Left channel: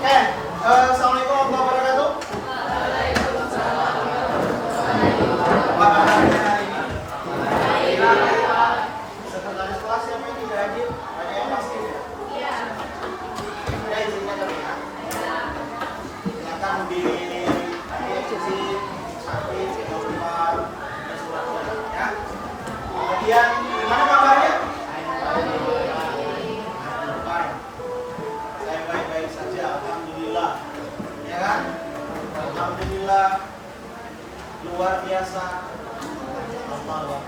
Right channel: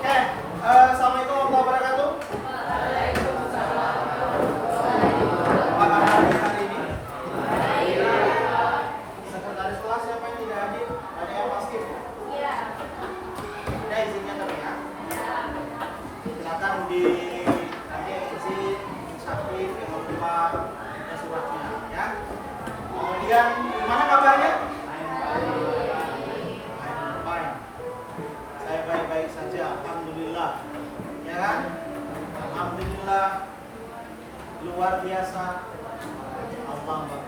Oke, Assalamualaikum warahmatullahi wabarakatuh. Apa kabarnya hari ini? Sekretaris kelas siapa yang tidak hadir? Ada yang pasif? Iya. Ada izinnya dong ya? Silakan di sisi aktif, keluar, dan sebagainya ya. Kemudian gimana kabarnya? Saya baik-baik saja, alhamdulillah. Ya kan? Alhamdulillah. Luar biasa. Allahu Akbar.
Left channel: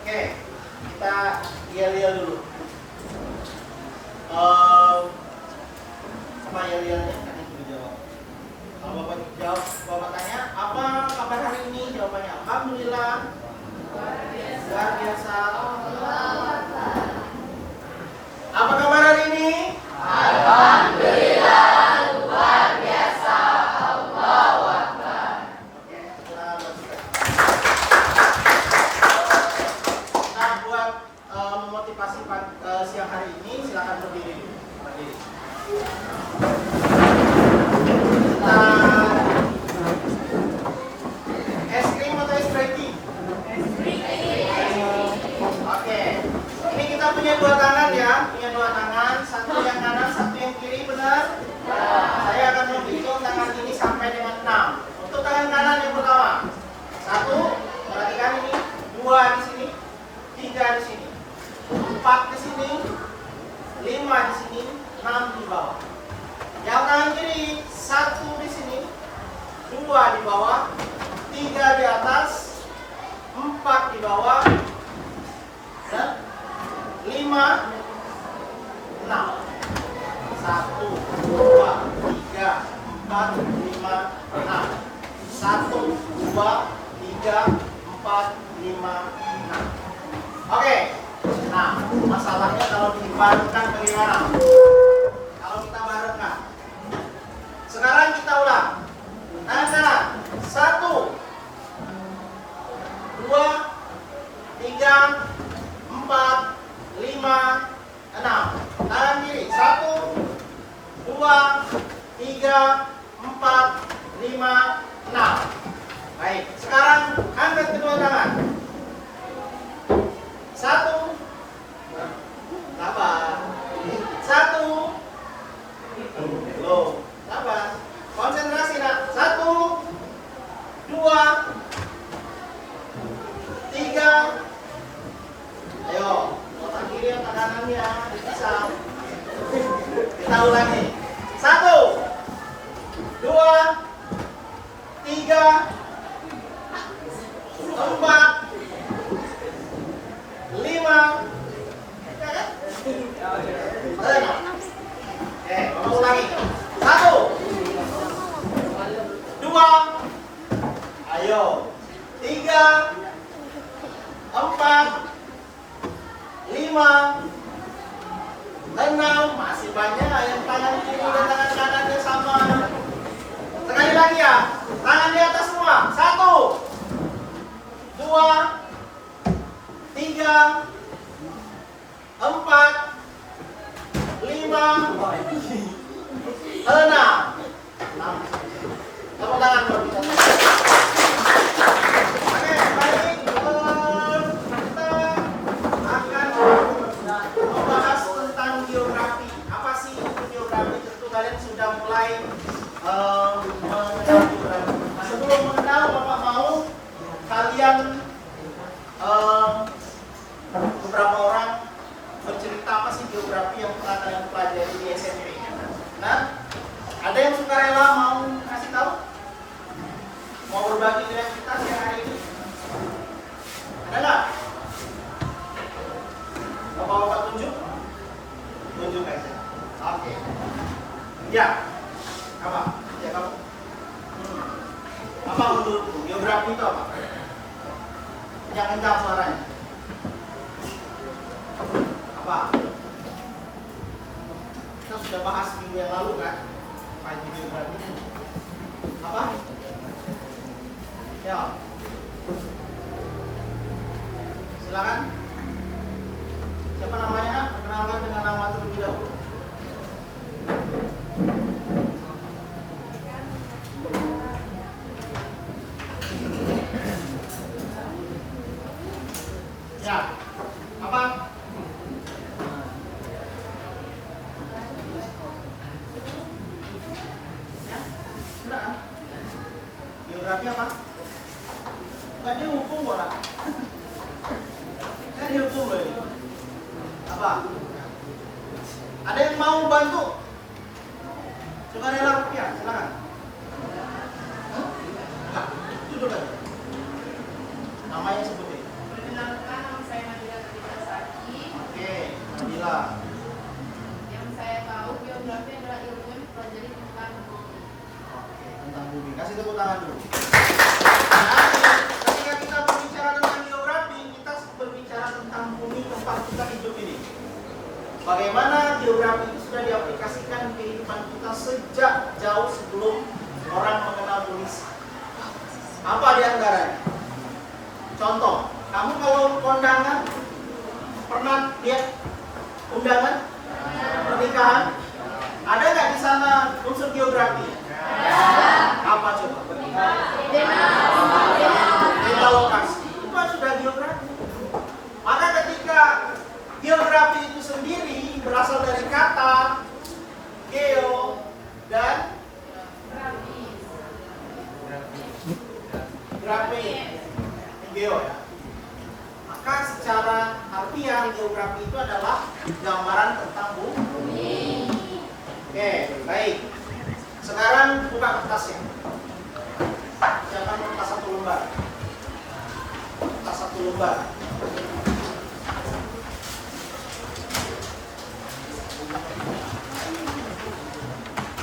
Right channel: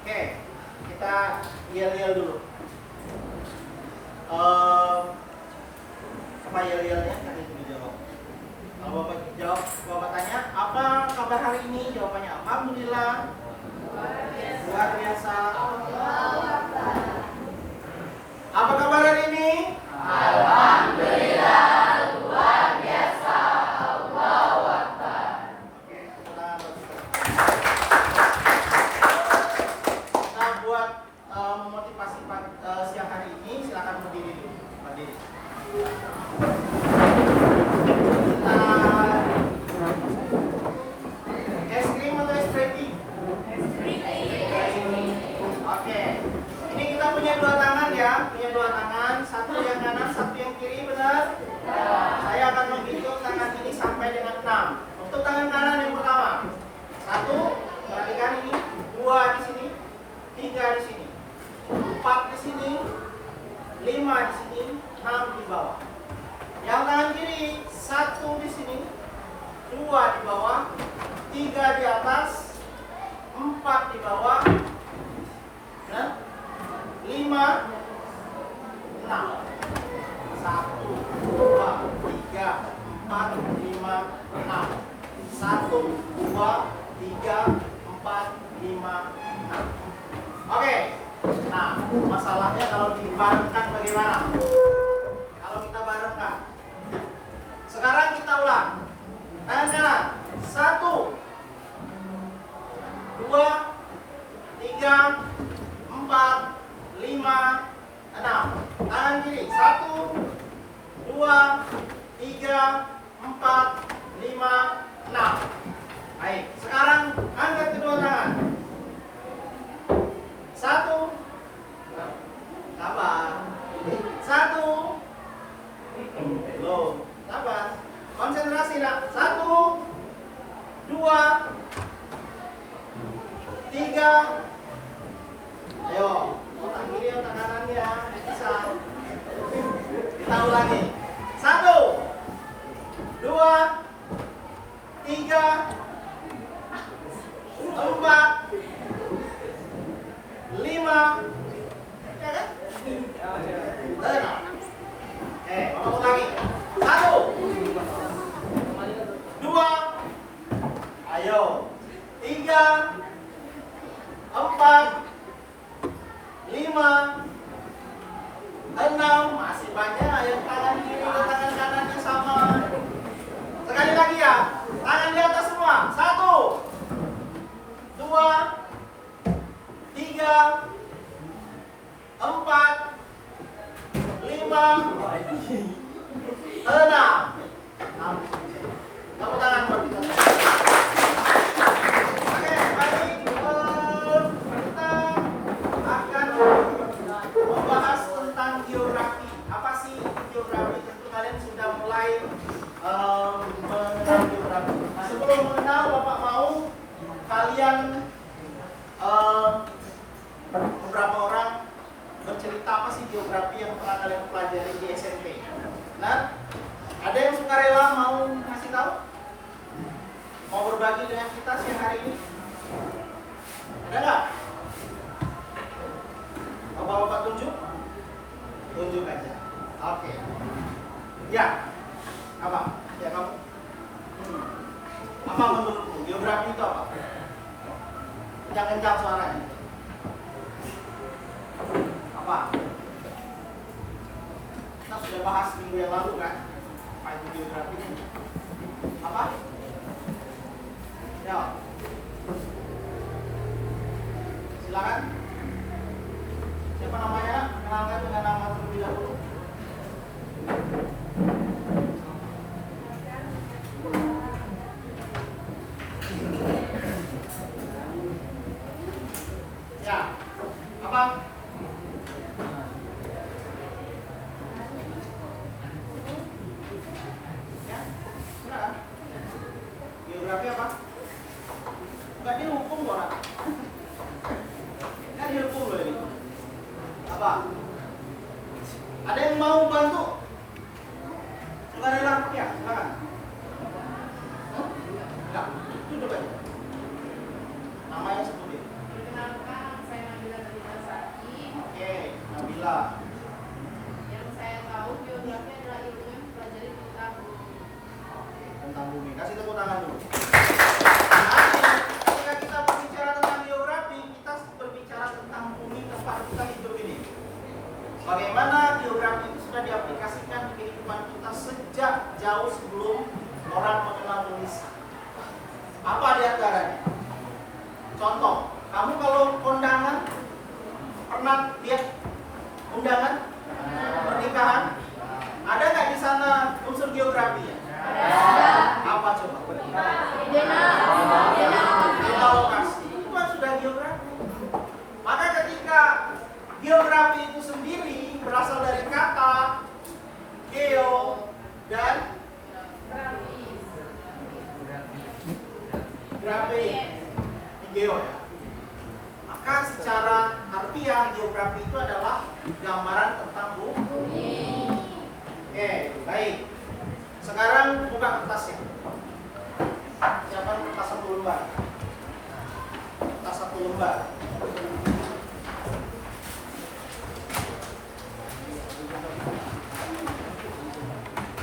Oke, kita lihat dulu. Apa yel-yelnya? Kan itu dijawab. Kalau Bapak jawab, Bapak tanya, apa kabar hari ini? Jawabannya, alhamdulillah. Luar biasa. Apa kabar hari ini? Alhamdulillah, luar biasa. Allahu Akbar. Oke, kita lanjutkan. Kita buat memotivasi siang hari ini. Silakan berdiri dulu. Berdiri. Kita es krim atau es ready? Oke. Ini kita punya dua tangan ya, punya dua tangan, satu yang kanan, satu yang kiri, benar? Saya akan menghitung tangan ini sampai dengan 6. Untuk tangan kanan yang pertama, 1, perhatikan ini, 2 di sini, 3 di sini, 4 di sini, 5 di sini, 6 di bawah. Yang tangan kiri, 1 di sini, 2 di bawah, 3 di atas, 4 di bawah, ya. 5, 6, 1, 2, 3, 4, 5, 6, 1, 2, 3, 4, 5, 6. Oke, nah masalahnya kalau dibarengkan bagaimana? Kalau kita barengkan, sekarang kita ulang. Tangan kanan, 1, 2, 3, 4, 5, 6. Tangan kiri 1, 2, 3, 4, 5, 6. Baik, sekarang angkat kedua tangan. 1, sabar. 1, belum, sabar. Konsentrasi nak. 1, 2, 3. Ayo, otak kiri otak kanannya bisa. Kita ulangi. 1, 2, 3, 4, 5. Ya kan? Ada. Bapak ulangi. 1, 2, ayo. 3, 4, 5, 6, masih banyak yang tangan kiri dan tangan kanannya sama. Sekali lagi ya, tangan di atas semua. 1, 2, 3, 4, 5, 6. Tepuk tangan buat kita. Oke, baik. Kita akan membahas tentang geografi. Apa sih itu geografi? Tentu kalian sudah mulai mengenal geografi. Sebelum mengenal, Bapak mau kalian beberapa orang bercerita apa sih geografi yang pernah kalian pelajari di SMP. Nah, ada yang sukarela mau kasih tahu? Mau berbagi dengan kita siang hari ini? Ada nggak? Bapak-bapak tunjuk? Tunjuk aja. Oke. Ya. Apa? Ya kamu. Apa menurutmu? Geografi itu apa? Kencang-kencang suaranya. Apa? Kita sudah bahas minggu yang lalu kan? Apa itu geografi? Apa? Ya. Silakan. Siapa namanya? Perkenalkan dengan nama terlebih dahulu. Apa? Ada yang mau bantu? Sukarela rupiah, silakan. Enggak, duduk aja. Namanya sebutin. Perkenalkan, nama saya Nabila Saki. Oke, Nabila. Yang saya tahu geografi adalah ilmu yang mempelajari tentang bumi. Oke, tentang bumi. Kasih tepuk tangan dulu. Nah, ketika kita berbicara tentang geografi, kita berbicara tentang bumi tempat kita hidup ini. Bagaimana geografi itu sudah diaplikasikan di kehidupan kita sejak jauh sebelum orang mengenal bumi. Apa di antaranya? Contoh, kamu kalau kondangan pernah lihat undangan pernikahan? Ada nggak di sana unsur geografi? Apa coba? Beda lokasi. Itu sudah geografi. Maka ketika geografi itu sendiri berasal dari kata geo dan grafi. Geo ya. Maka secara harfiah geografi itu adalah gambaran tentang bumi. Oke, baik. Sekarang buka kertasnya. Siapa kertas satu lembar? Kertas satu lembar.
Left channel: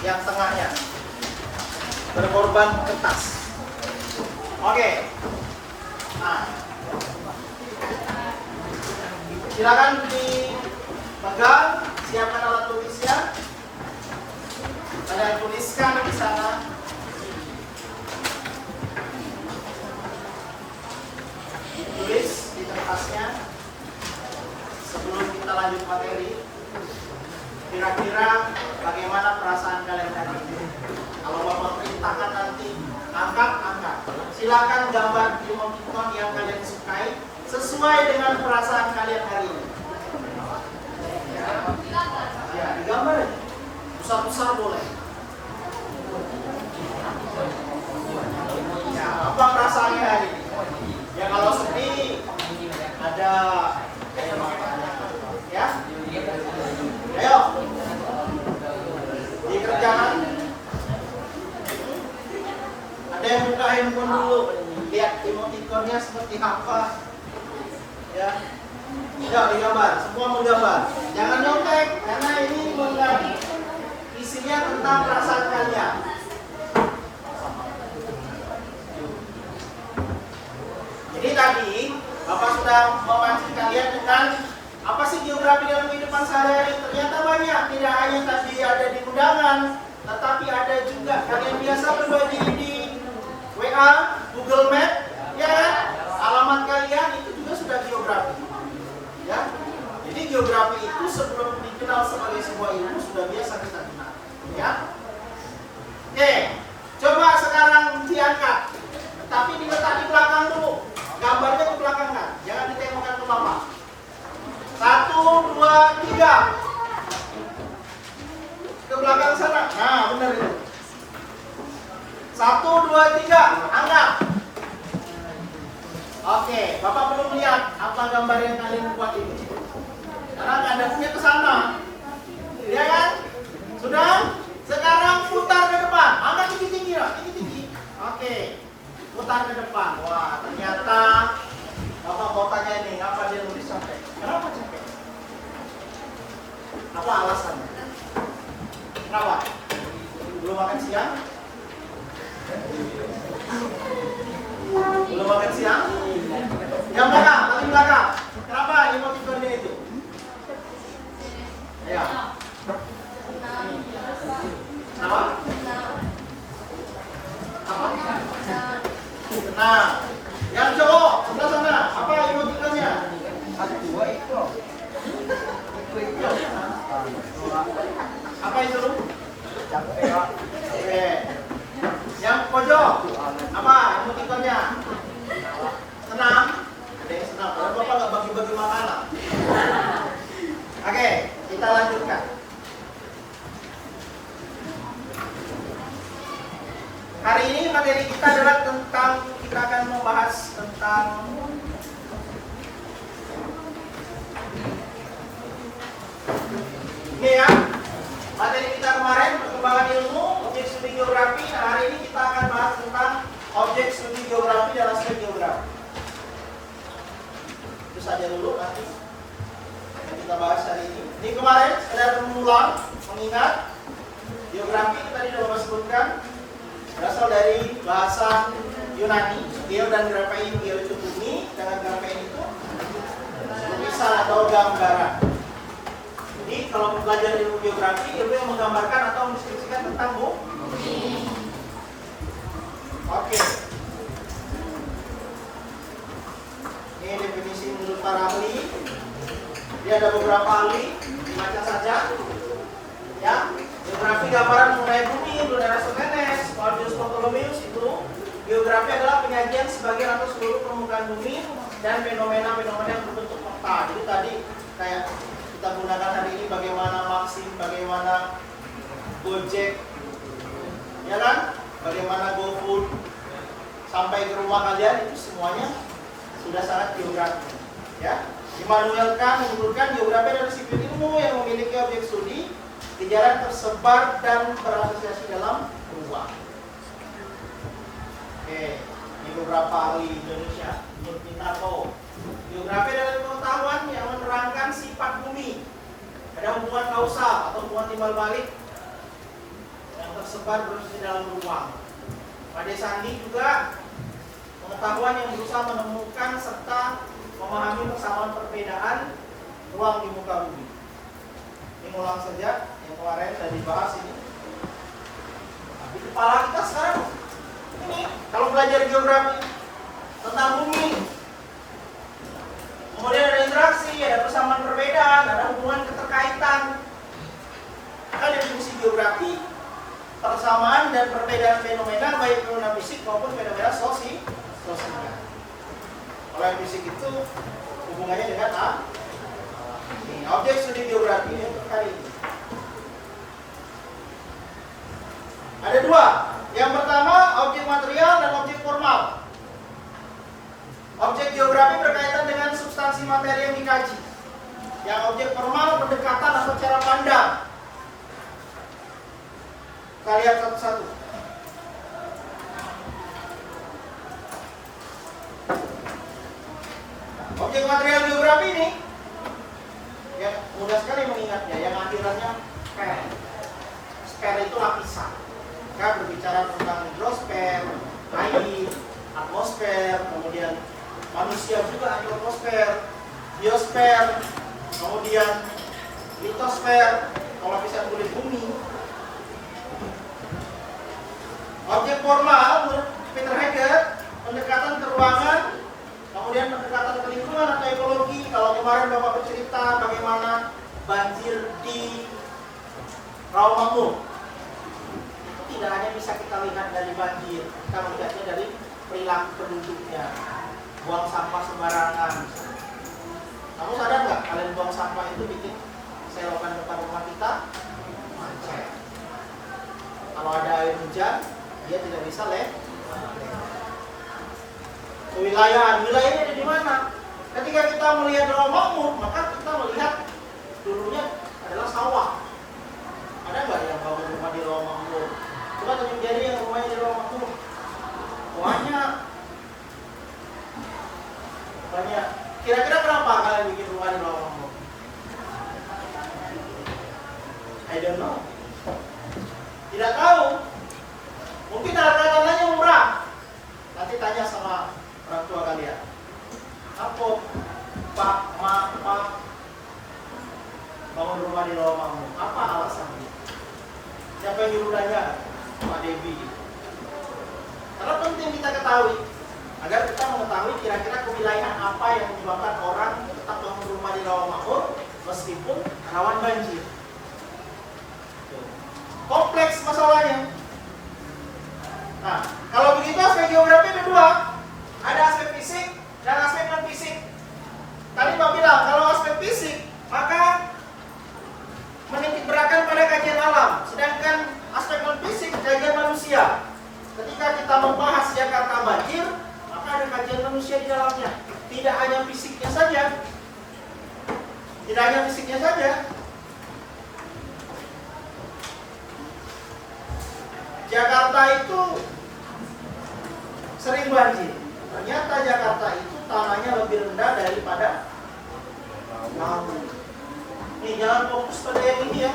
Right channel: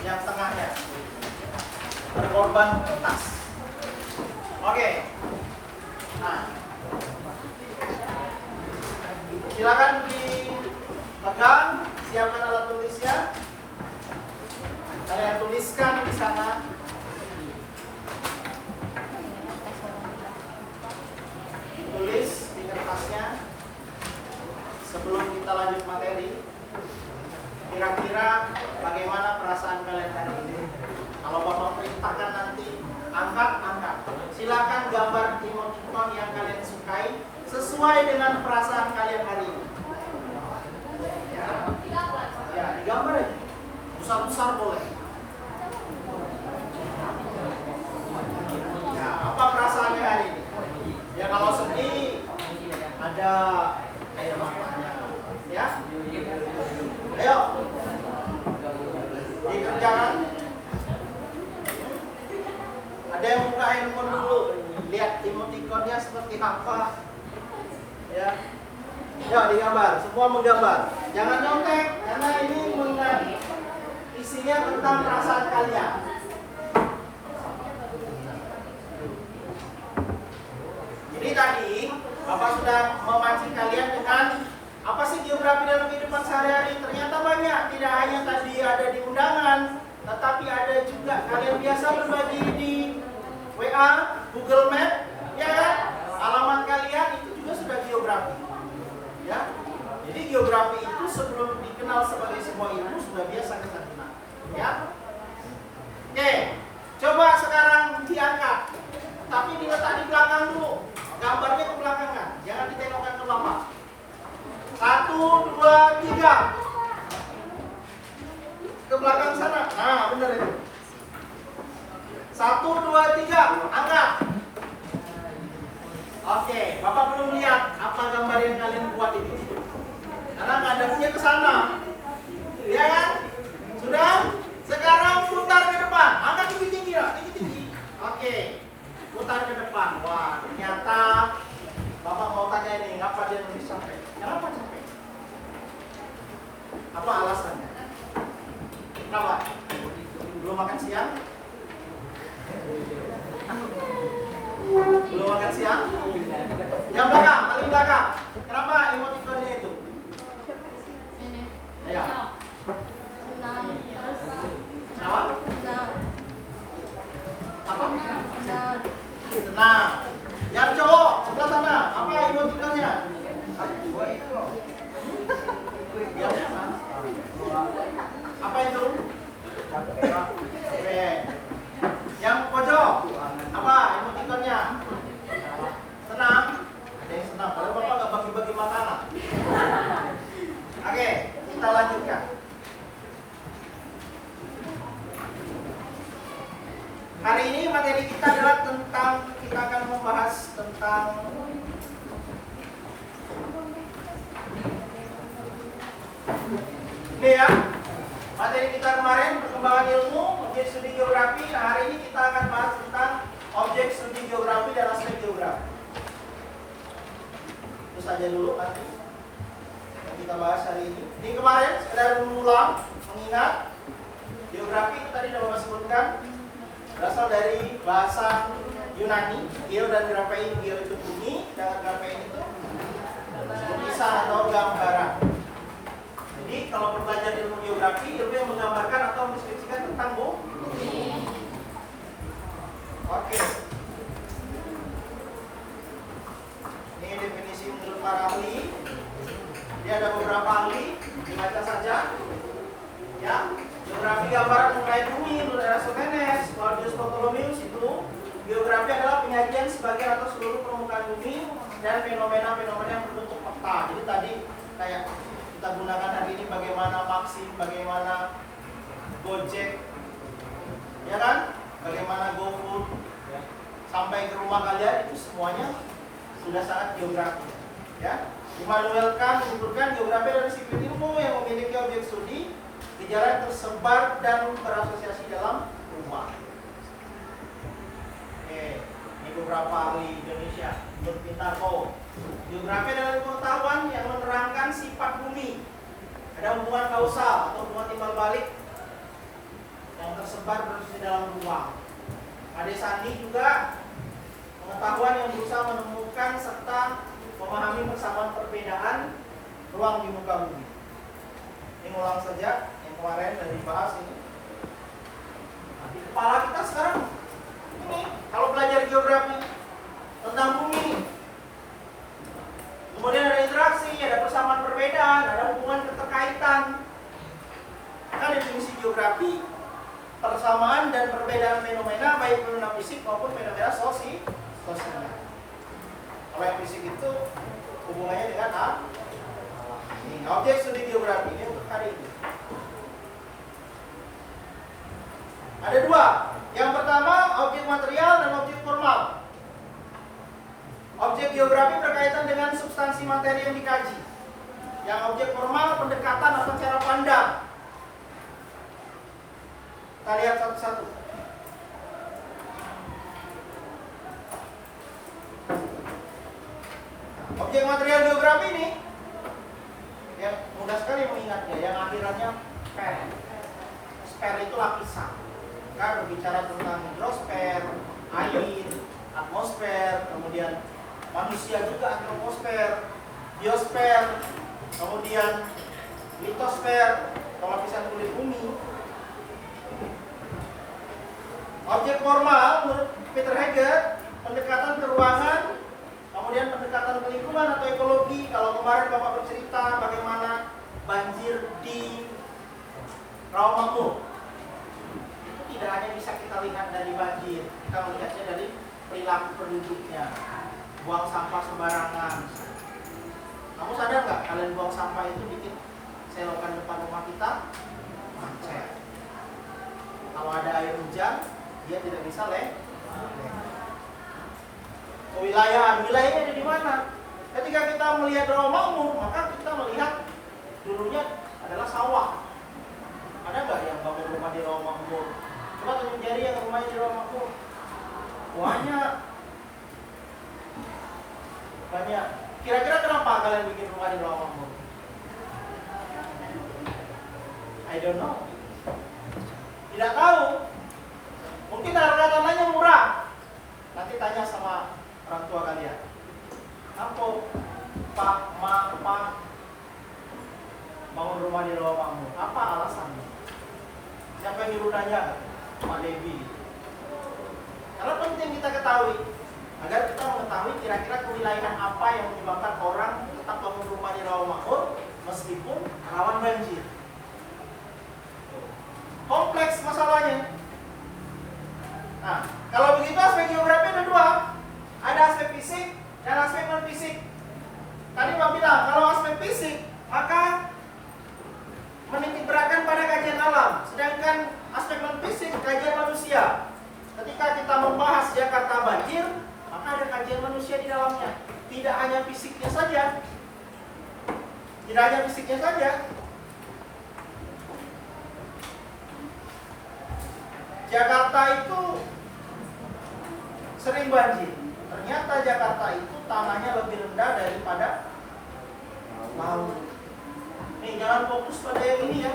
Yang tengahnya berkorban kertas. Oke. Nah, silakan dipegang, siapkan alat tulisnya. Ada tuliskan di sana. Tulis di kertasnya sebelum kita lanjut materi. Kira-kira bagaimana perasaan kalian hari ini? Kalau Bapak perintahkan nanti angkat. Silakan gambar emoticon yang kalian sukai sesuai dengan perasaan kalian hari ini. Ya, digambar ya. Besar-besar boleh. Ya, apa perasaannya hari ini? Ya kalau sedih ada kayak makanya. Ya. Ayo. Di kerjaan. Ada yang buka handphone dulu. Lihat emoticonnya seperti apa. Ya. Ya, digambar. Semua menggambar. Jangan nyontek karena ini isinya tentang perasaan kalian. Jadi tadi Bapak sudah memancing kalian dengan apa sih geografi dalam kehidupan sehari-hari. Ternyata banyak, tidak hanya tadi ada di undangan, tetapi ada juga kalian biasa berbagi di WA, Google Map, ya kan? Alamat kalian itu juga sudah geografi, ya. Jadi geografi itu sebelum dikenal sebagai sebuah ilmu sudah biasa kita kenal, ya. Oke, coba sekarang diangkat, tapi diletak di belakang dulu. Gambarnya ke belakang kan, jangan ditengokkan ke Bapak. 1, 2, 3. Ke belakang sana. Nah, benar itu. 1, 2, 3. Angkat. Oke, Bapak belum lihat apa gambar yang kalian buat itu. Karena ngadepnya ke sana. Ya kan? Sudah? Sekarang putar ke depan. Angkat tinggi-tinggi ya, tinggi-tinggi. Oke. Putar ke depan. Wah, ternyata Bapak mau tanya ini, ngapa dia nulis capek? Kenapa capek? Apa alasannya? Kenapa? Belum makan siang? Belum makan siang? Yang belakang, paling belakang. Kenapa emoticonnya itu? Ayo. Kenapa? Apa? Nah, yang cowok sebelah sana, apa emoticonnya? Apa itu? Oke. Yang pojok, apa emoticonnya? Senang? Ada yang senang. Kalau Bapak nggak bagi-bagi makanan. Oke, kita lanjutkan. Hari ini materi kita adalah tentang kita akan hari ini. Di kemarin sekedar mengulang, mengingat geografi tadi sudah Bapak sebutkan berasal dari bahasa Yunani. Geo dan graphein, geo itu bumi, dan graphein itu lukisan atau gambaran. Jadi kalau belajar ilmu geografi, ilmu yang menggambarkan atau mendeskripsikan tentang bumi. Oke. Ini definisi menurut para ahli. Dia ada beberapa ahli, dibaca saja. Ya, geografi gambaran mengenai bumi menurut Eratosthenes, Claudius Ptolemaeus itu geografi adalah penyajian sebagian atau seluruh permukaan bumi dan fenomena-fenomena yang berbentuk peta. Jadi tadi kayak kita gunakan hari ini bagaimana Maxim, bagaimana Gojek, ya kan? Bagaimana GoFood sampai ke rumah kalian, itu semuanya sudah sangat geografi. Ya, Immanuel Kant menyebutkan geografi adalah disiplin ilmu yang memiliki objek studi, gejala tersebar dan berasosiasi dalam ruang. Oke, ini beberapa ahli Indonesia. Menurut Pintarko, geografi adalah pengetahuan yang menerangkan sifat bumi. Ada hubungan kausal atau hubungan timbal balik yang tersebar berasosiasi dalam ruang. Pada Sandi juga pengetahuan yang berusaha menemukan serta memahami persamaan perbedaan ruang di muka bumi. Ini ulang saja yang kemarin sudah dibahas ini. Nah, di kepala kita sekarang ini kalau belajar geografi tentang bumi, kemudian ada interaksi, ada persamaan perbedaan, ada hubungan keterkaitan. Kan definisi geografi persamaan dan perbedaan fenomena baik fenomena fisik maupun fenomena sosial. Kalau yang fisik itu hubungannya dengan objek studi geografi ini untuk hari ini. Ada dua. Yang pertama objek material dan objek formal. Objek geografi berkaitan dengan substansi materi yang dikaji. Yang objek formal pendekatan atau cara pandang. Kita lihat satu-satu. Objek material geografi ini yang mudah sekali mengingatnya, yang akhirannya sper. Sper itu lapisan. Kita berbicara tentang hidrosfer, air, atmosfer, kemudian manusia juga hidrosfer, biosfer, kemudian litosfer, kalau lapisan kulit bumi. Objek formal menurut Peter Heger, pendekatan ke ruangan, kemudian pendekatan ke lingkungan atau ekologi. Kalau kemarin Bapak bercerita bagaimana banjir di Rawamangun, itu tidak hanya bisa kita lihat dari banjir, kita melihatnya dari perilaku penduduknya, buang sampah sembarangan. Kamu sadar nggak kalian buang sampah itu bikin selokan depan rumah kita macet. Kalau ada air hujan, dia tidak bisa wilayahnya ada di mana? Ketika kita melihat Rawamangun, maka kita melihat dulunya adalah sawah. Ada nggak yang bangun rumah di Rawamangun? Coba tunjuk jari yang rumahnya di Rawamangun. Banyak. Kira-kira kenapa kalian bikin rumah di Rawamangun? I don't know. Tidak tahu. Mungkin harga tanahnya murah. Nanti tanya sama orang tua kalian. Apa Pak bangun rumah di Rawamangun? Apa alasannya? Siapa yang nyuruh nanya? Pak Devi. Karena penting kita ketahui agar kita mengetahui kira-kira kewilayahan apa yang menyebabkan orang tetap bangun rumah di Rawamangun meskipun rawan banjir. Kompleks masalahnya. Nah, kalau begitu aspek geografi ada dua. Ada aspek fisik dan aspek non fisik. Tadi Pak bilang kalau aspek fisik maka menitikberatkan pada kajian alam, sedangkan aspek non fisik kajian manusia. Ketika kita membahas Jakarta banjir, maka ada kajian manusia di dalamnya. Tidak hanya fisiknya saja. Tidak hanya fisiknya saja. Jakarta itu sering banjir. Ternyata Jakarta itu tanahnya lebih rendah daripada laut. Nih, jangan fokus pada yang ini ya.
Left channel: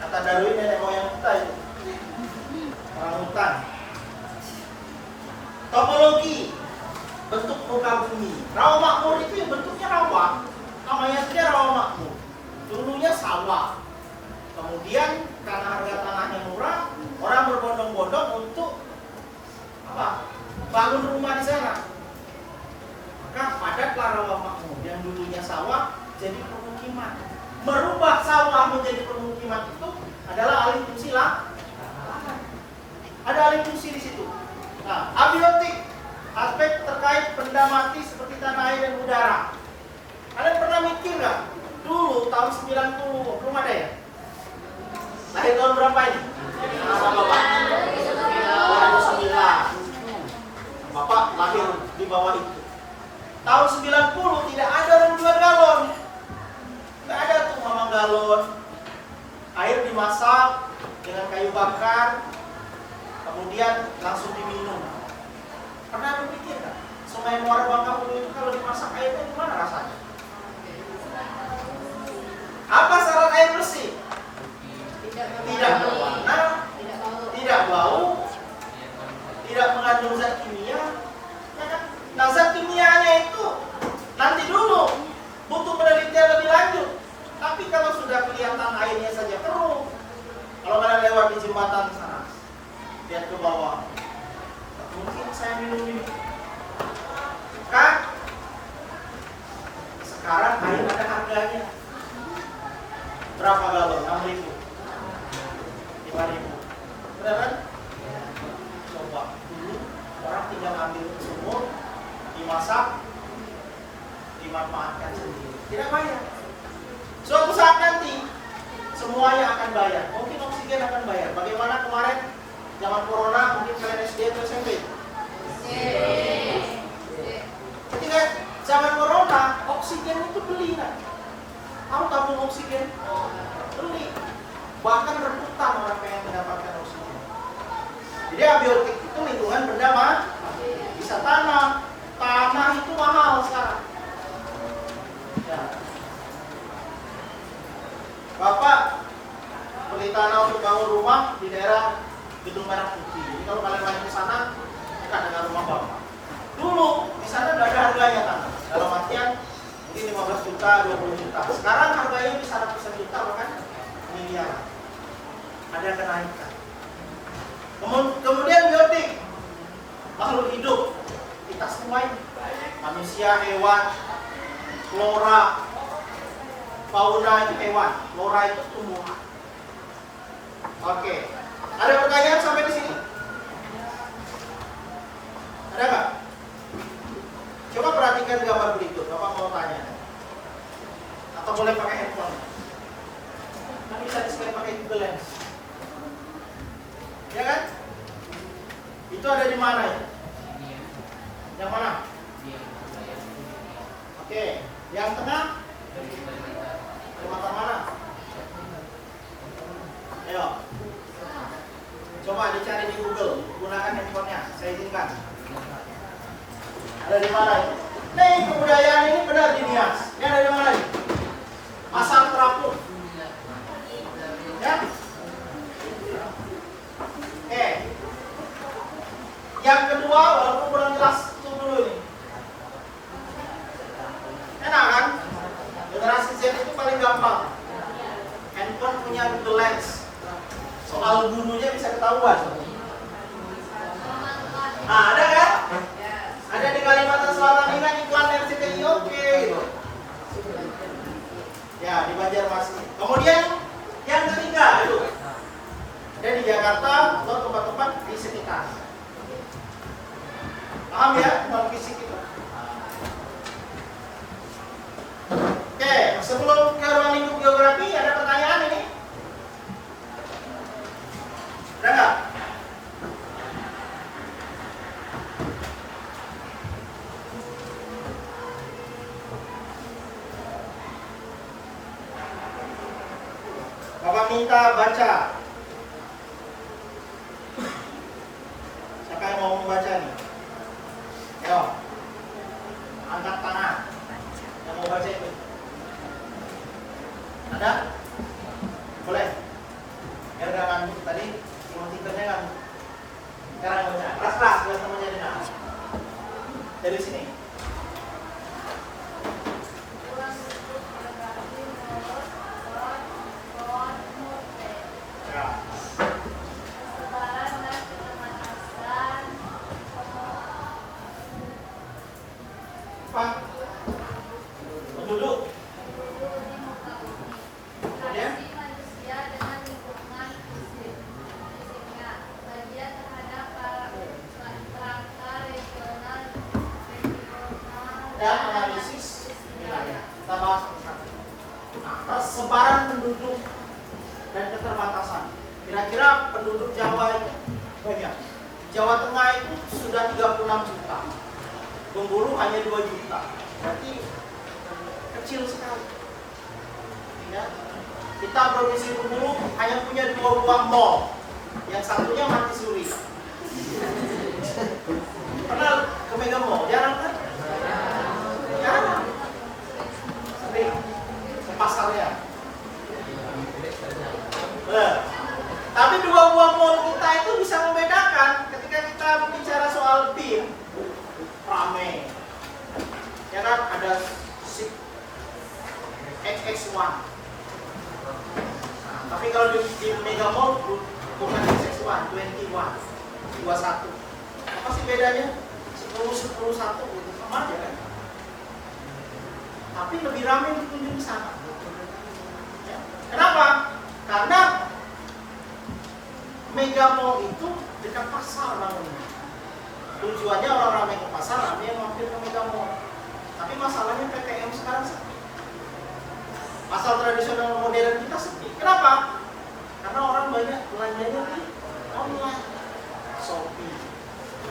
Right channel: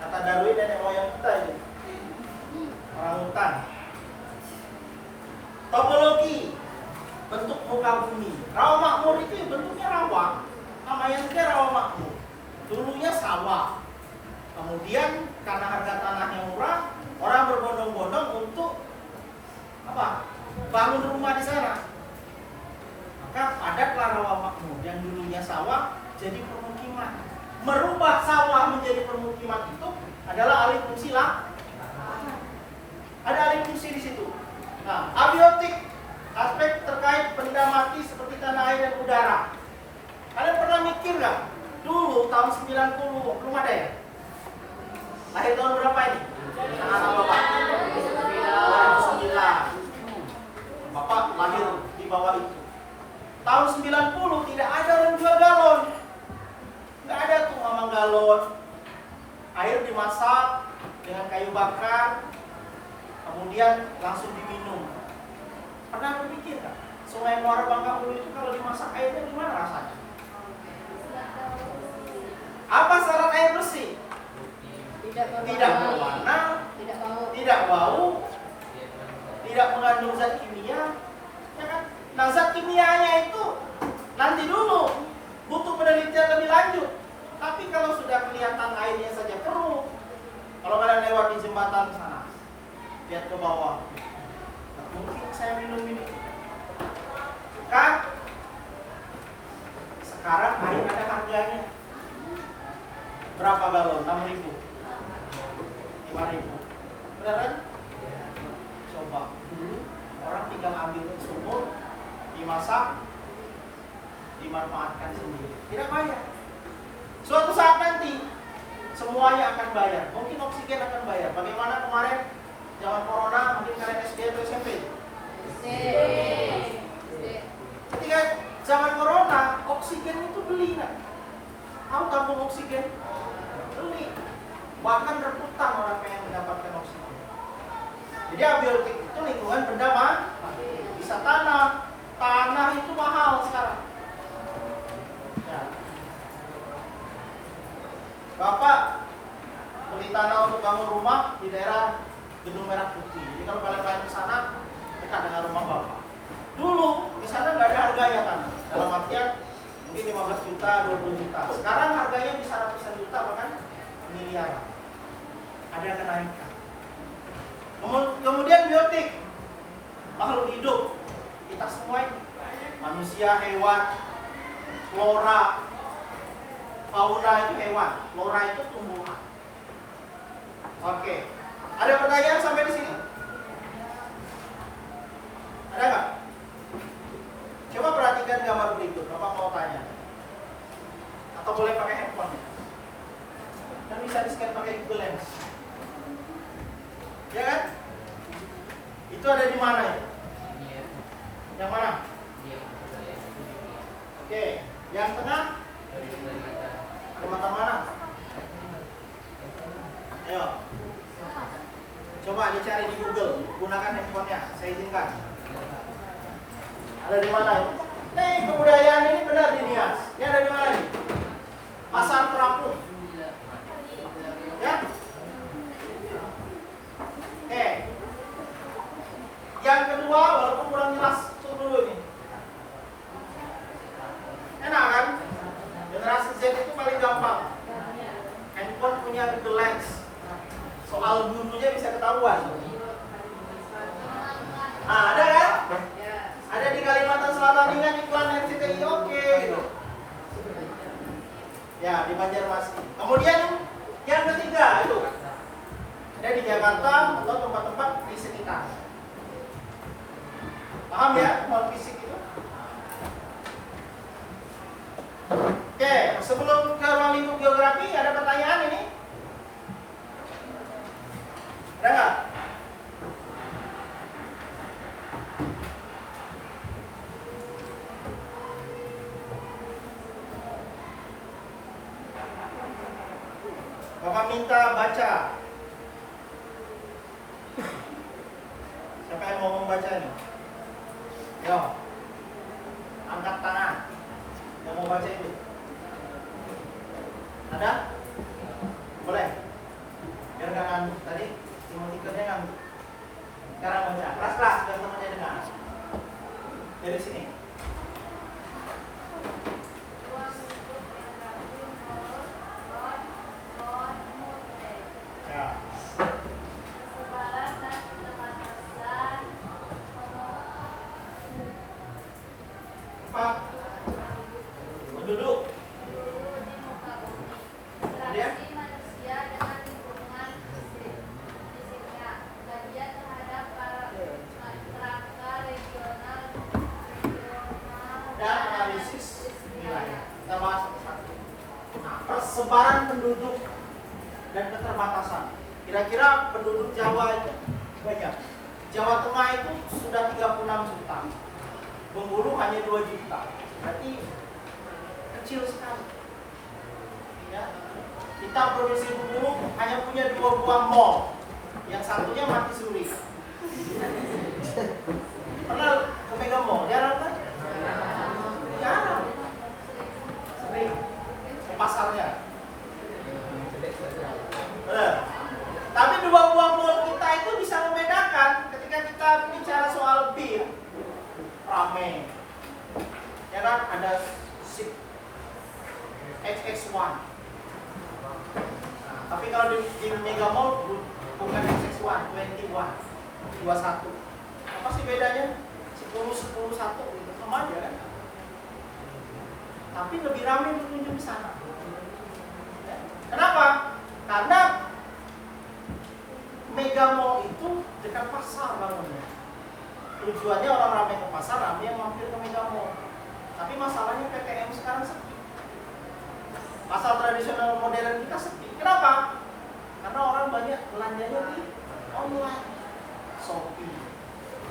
Kata Darwin nenek moyang kita itu orang hutan. Topologi bentuk muka bumi. Rawa makmur itu ya bentuknya rawa. Namanya saja rawa makmur. Dulunya sawah. Kemudian karena harga tanahnya murah, orang berbondong-bondong untuk apa? Bangun rumah di sana. Maka padatlah rawa makmur yang dulunya sawah jadi permukiman. Merubah sawah menjadi permukiman itu adalah alih fungsi lah. Ada alih fungsi di situ. Nah, abiotik, aspek terkait benda mati seperti tanah air dan udara. Kalian pernah mikir nggak? Dulu tahun 90 belum ada ya? Lahir tahun berapa ini? Anak Bapak? 2009. Bapak lahir di bawah itu. Tahun 90 tidak ada orang jual galon. Nggak ada tuh mamang galon. Air dimasak dengan kayu bakar, kemudian langsung diminum. Pernah berpikir kan? Sungai Muara Bangka itu kalau dimasak airnya gimana rasanya? Apa syarat air bersih? Tidak berwarna, tidak bau, tidak mengandung zat kimia. Ya kan? Nah, zat kimianya itu nanti dulu butuh penelitian lebih lanjut. Tapi kalau sudah kelihatan airnya saja keruh, kalau kalian lewat di jembatan sana, lihat ke bawah, mungkin saya minum ini. Kan? Sekarang air ada harganya. Berapa galon? 6.000, 5.000. Benar kan? Coba dulu orang tinggal ambil sumur, dimasak, dimanfaatkan sendiri. Tidak bayar. Suatu saat nanti semuanya akan bayar. Mungkin oksigen akan bayar. Bagaimana kemarin zaman corona, mungkin kalian SD atau SMP? Ketika zaman corona, oksigen itu beli kan? Tahu tabung oksigen? Beli. Bahkan rebutan orang pengen mendapatkan oksigen. Jadi abiotik itu lingkungan benda mati. Bisa tanam. Tanah itu mahal sekarang. Ya. Bapak beli tanah untuk bangun rumah di daerah Gedung Merah Putih. Jadi kalau kalian main ke sana, dekat dengan rumah Bapak. Dulu di sana nggak ada harganya tanah. Dalam artian mungkin 15 juta, 20 juta. Sekarang harganya bisa ratusan juta, bahkan miliaran. Ada kenaikan. Kemudian biotik, makhluk hidup. Kita semua ini, manusia, hewan, flora, fauna itu hewan, flora itu tumbuhan. Oke, ada pertanyaan sampai di sini? Ada nggak? Coba perhatikan gambar berikut. Bapak mau tanya, atau boleh pakai handphone? Kan bisa di-scan pakai Google Lens. Ya kan? Itu ada di mana ya? Yang mana? Oke, yang tengah? Ada mata mana? Ayo. Coba dicari di Google, gunakan handphonenya, saya izinkan. Ada di mana? Nih, kebudayaan ini benar di Nias. Ini ada di mana nih? Pasar Terapung. Ya? Oke. Yang kedua, walaupun kurang jelas, itu dulu nih. Enak kan? Generasi Z itu paling gampang. Handphone punya Google Lens. Soal gurunya bisa ketahuan. Nah, ada kan? Ada di Kalimantan Selatan ini kan iklan RCTI oke gitu. Ya, di Banjarmasin. Kemudian yang ketiga itu ada di Jakarta atau tempat-tempat di sekitar. Paham ya, mal fisik itu? Oke, sebelum ke ruang lingkup geografi, ada pertanyaan ini? Ada nggak? Bapak minta baca. Siapa yang mau membaca nih? Ayo, angkat tangan. Ada? Boleh? Biar nggak ngantuk tadi, tikernya ngantuk. Sekarang baca, keras-keras biar temannya dengar. Dari sini. Ya. Pak, penduduk. Kemudian dan analisis wilayah. Kita bahas satu-satu. Nah, persebaran penduduk dan keterbatasan. Kira-kira penduduk Jawa itu banyak. Jawa Tengah itu sudah 36 juta. Bengkulu hanya 2 juta. Berarti kecil sekali. Ya. Kita provinsi Bengkulu hanya punya 2 buah mall. Yang satunya mati suri. Pernah ke Mega Mall? Jarang kan? Jarang. Sering. Ke pasarnya. Tapi 2 buah mall kita itu bisa membedakan ketika kita bicara soal BIM. Rame. Ya kan ada SIP XX1. Nah, tapi kalau di Mega Mall bukan XX1, 21. Apa sih bedanya? 10-1 gitu, sama aja kan? Tapi lebih ramai dikunjungi di sana. Ya. Kenapa? Karena Mega Mall itu dekat pasar bangunnya. Tujuannya orang ramai ke pasar, ramai yang mampir ke Mega Mall. Tapi masalahnya PTM sekarang sepi. Pasar tradisional modern kita sepi. Kenapa? Karena orang banyak belanjanya di online. Shopee,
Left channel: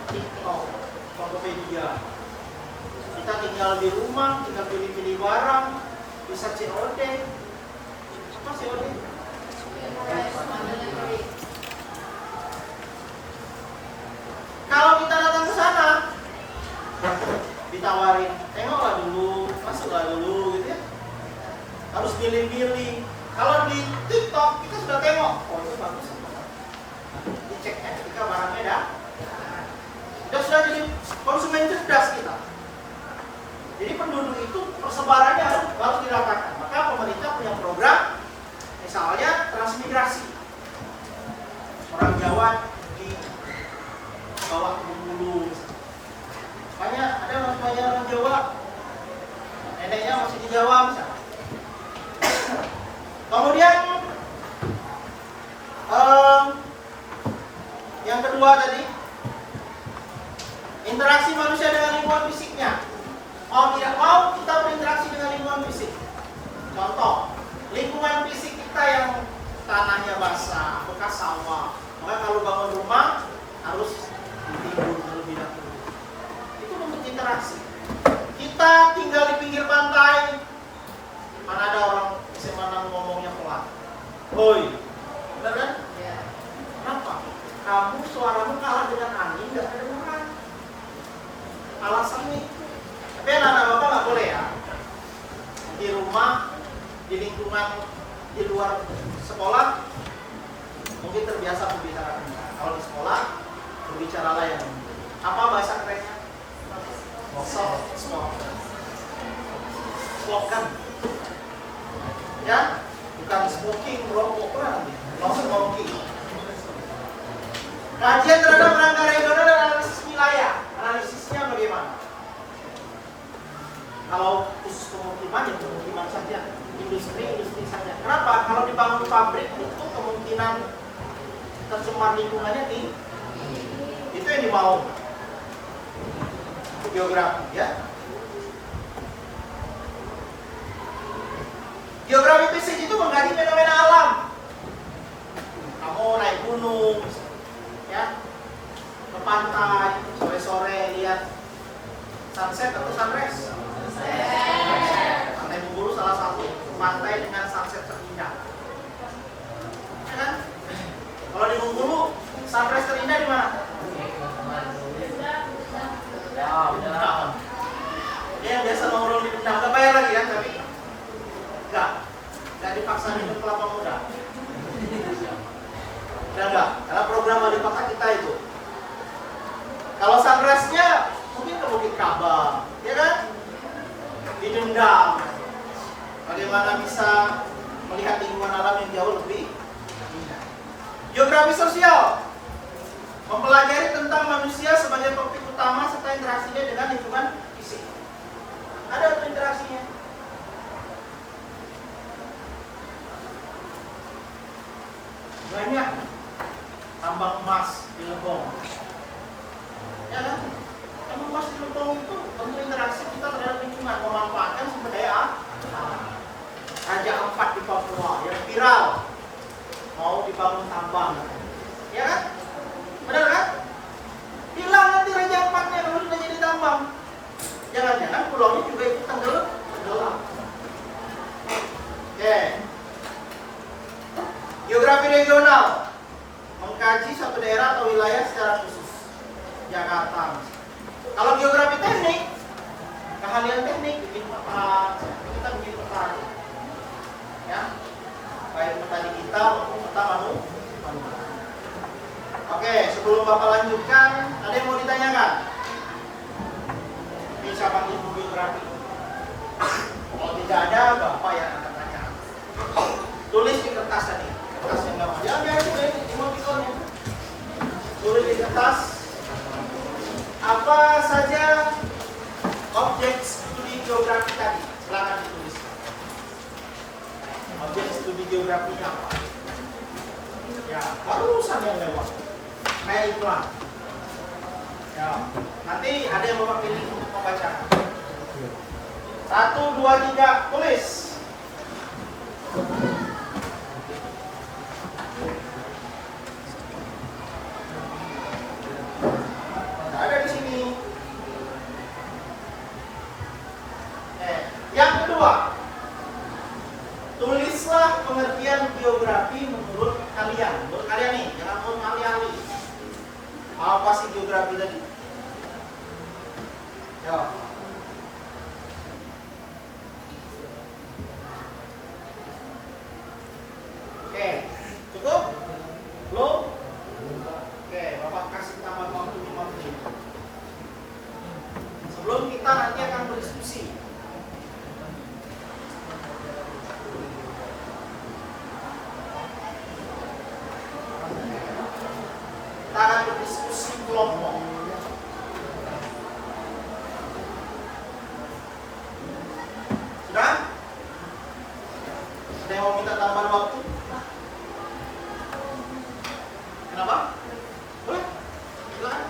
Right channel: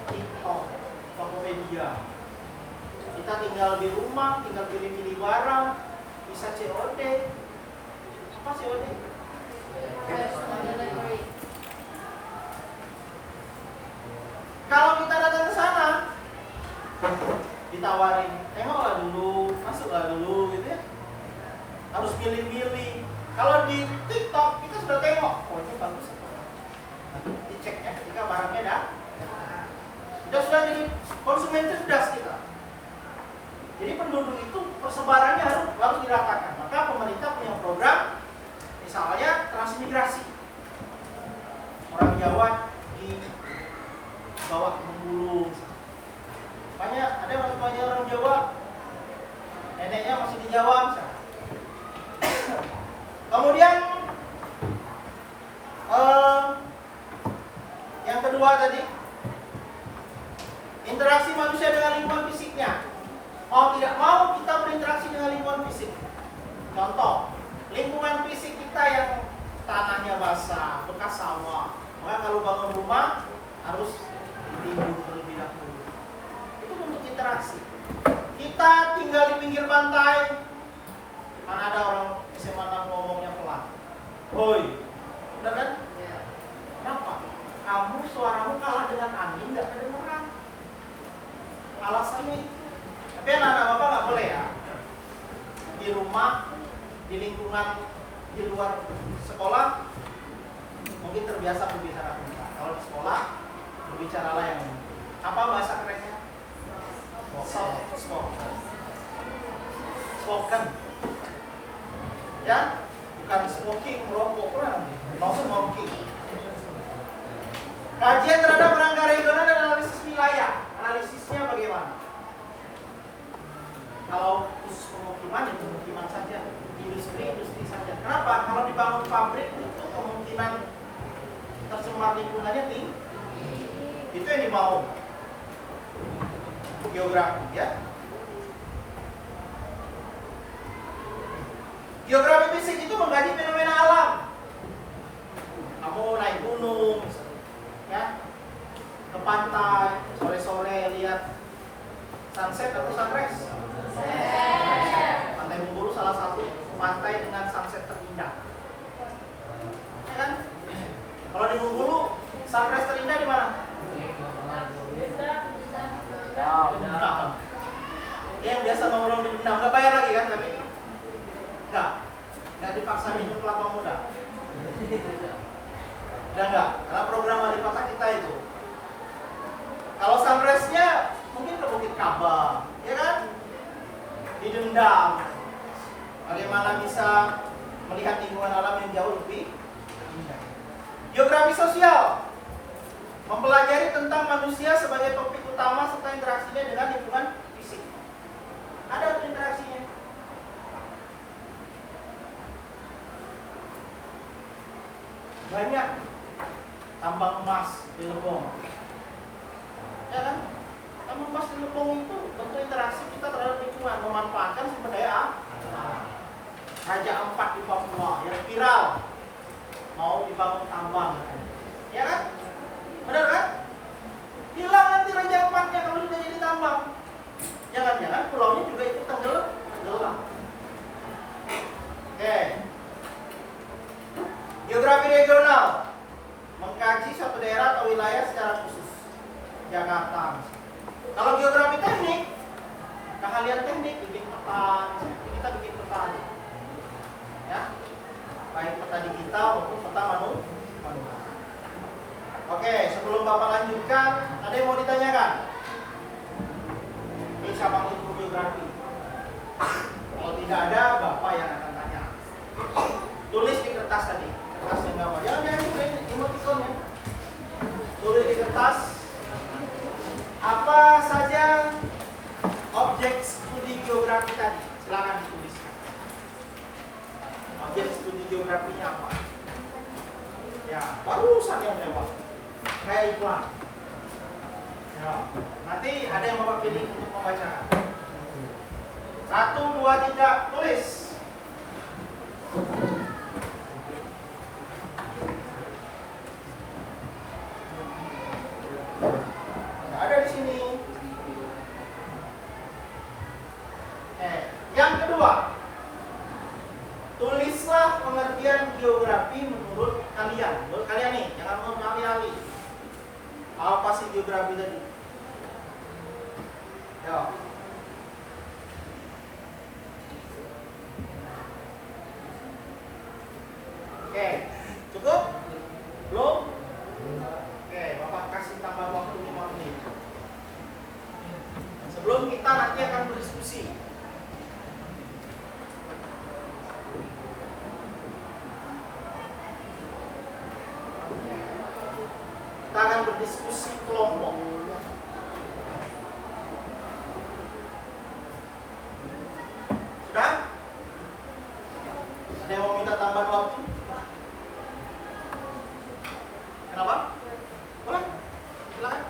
TikTok, Tokopedia. Kita tinggal di rumah, tinggal pilih-pilih barang, bisa COD. Apa COD? Kalau kita datang ke sana, ditawarin, tengoklah dulu, masuklah dulu, gitu ya. Harus milih-milih. Kalau di TikTok kita sudah tengok, oh ini bagus. Diceknya ketika barangnya sudah jadi konsumen cerdas kita. Jadi penduduk itu persebarannya harus dirapatkan. Maka pemerintah punya program, misalnya transmigrasi. Orang Jawa di bawah ke Bengkulu. Makanya ada orang Jawa, neneknya masih di Jawa misalnya. Kemudian yang kedua tadi, interaksi manusia dengan lingkungan fisiknya. Mau tidak mau kita berinteraksi dengan lingkungan fisik. Contoh, lingkungan fisik kita yang tanahnya basah, bekas sawah. Maka kalau bangun rumah harus ditimbun terlebih dahulu. Itu bentuk interaksi. Kita tinggal di pinggir pantai. Mana ada orang SMA 6 ngomongnya pelan. Hoi, benar kan? Ya. Kenapa? Kamu suaramu kalah dengan angin, nggak kedengeran. Alasannya itu. Tapi anak-anak bapak nggak boleh ya. Di rumah, di lingkungan, di luar sekolah, mungkin terbiasa berbicara kencang. Kalau di sekolah, berbicaralah yang apa bahasa kerennya? Slogan. Ya, bukan smoking, merokok pernah nanti. No smoking. Kajian terhadap rangka regional dan analisis wilayah. Analisisnya bagaimana? Kalau khusus pemukiman, ya pemukiman saja. Industri saja. Kenapa? Kalau dibangun pabrik itu kemungkinan tercemar lingkungannya tinggi. Itu yang dimau. Geografi, ya. Geografi fisik itu mengkaji fenomena alam. Kamu naik gunung, ya, ke pantai, sore-sore lihat sunset atau sunrise. Pantai Bengkulu salah satu pantai dengan sunset terindah. Ya kan? Kalau di Bengkulu sunrise terindah di mana? Bendam. Dia yang biasa nongkrong di Bendam, nggak bayar lagi kan, tapi nggak dipaksa. Pasar Hidup Kelapa Muda. Udah enggak? Karena program wali kota kita itu. Kalau sunrise-nya mungkin ke Bukit Kaba, ya kan? Di Dendang. Bagaimana bisa melihat lingkungan alam yang jauh lebih indah. Geografi sosial mempelajari tentang manusia sebagai topik utama serta interaksinya dengan lingkungan fisik. Ada tuh interaksinya. Banyak tambang emas di Lebong. Ya kan? Tambang emas di Lebong itu bentuk interaksi kita terhadap lingkungan, memanfaatkan sumber daya alam. Raja keempat di Papua yang viral mau dibangun tambang, ya kan? Benar kan? Hilang nanti Raja Empatnya kalau sudah jadi tambang. Jangan-jangan pulaunya juga ikut tenggelam. Oke. Geografi regional mengkaji suatu daerah atau wilayah secara khusus. Jakarta. Kalau geografi teknik, keahlian teknik bikin peta, kita bikin peta. Ya. Baik peta digital maupun peta manual. Oke, sebelum Bapak lanjutkan, ada yang mau ditanyakan? Bisa panggil guru geografi. Kalau tidak ada, Bapak yang akan tanya. Tulis di kertas tadi. Kertas yang nama. Jangan emotikonnya. Tulis di kertas. Apa saja objek studi geografi tadi? Silakan ditulis. Objek studi geografinya apa? Ya, barusan yang lewat. Kayak iklan. Ya, nanti ada yang Bapak pilih untuk membaca. 1, 2, 3, tulis. Nah, ada di sini. Yang kedua, tulislah pengertian geografi menurut kalian. Menurut kalian nih, jangan menurut ahli-ahli. Apa sih geografi tadi? Ya. Oke, cukup? Belum? Oke, Bapak kasih tambah waktu 5 menit. Sebelum kita nanti akan berdiskusi. Kita akan berdiskusi kelompok. Sudah? Ada yang mau minta tambahan waktu? Kenapa? Boleh? Silakan.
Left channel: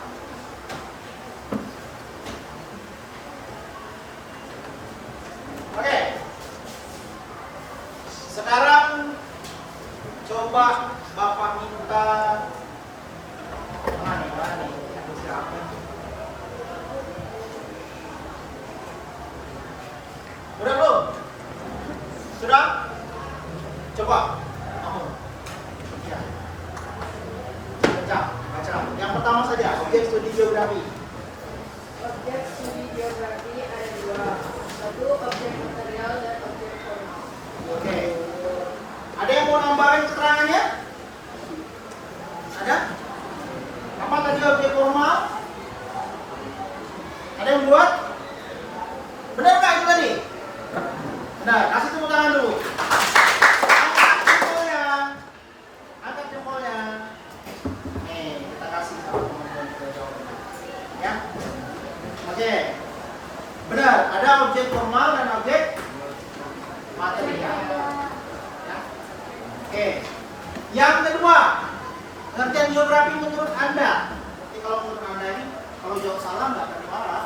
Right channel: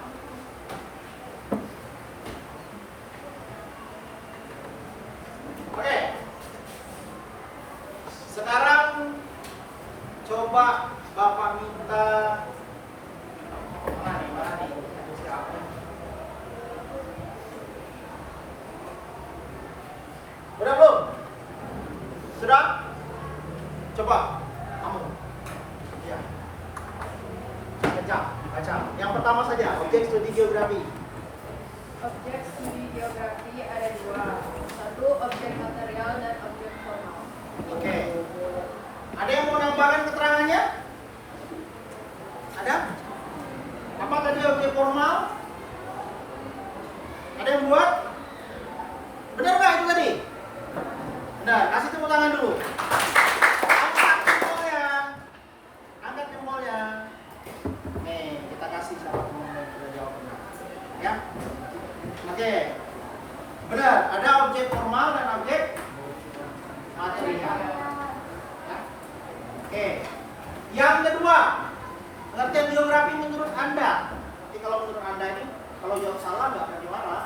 Oke. Sekarang coba Bapak minta mana nih? Siapa? Udah belum? Sudah? Coba kamu. Ya. Baca. Yang pertama saja, objek studi geografi. Objek studi geografi ada 2. Satu objek material dan objek formal. Oke. Ada yang mau nambahin keterangannya? Ada? Apa tadi objek formal? Ada yang buat? Benar nggak itu tadi? Nah, kasih tepuk tangan dulu. Angkat jempolnya. Nih, kita kasih sama teman-teman kita jawab. Ya. Oke. Benar, ada objek formal dan objek material. Ya. Oke. Yang kedua, pengertian geografi menurut Anda. Jadi kalau menurut Anda ini, kalau jawab salah nggak akan dimarah.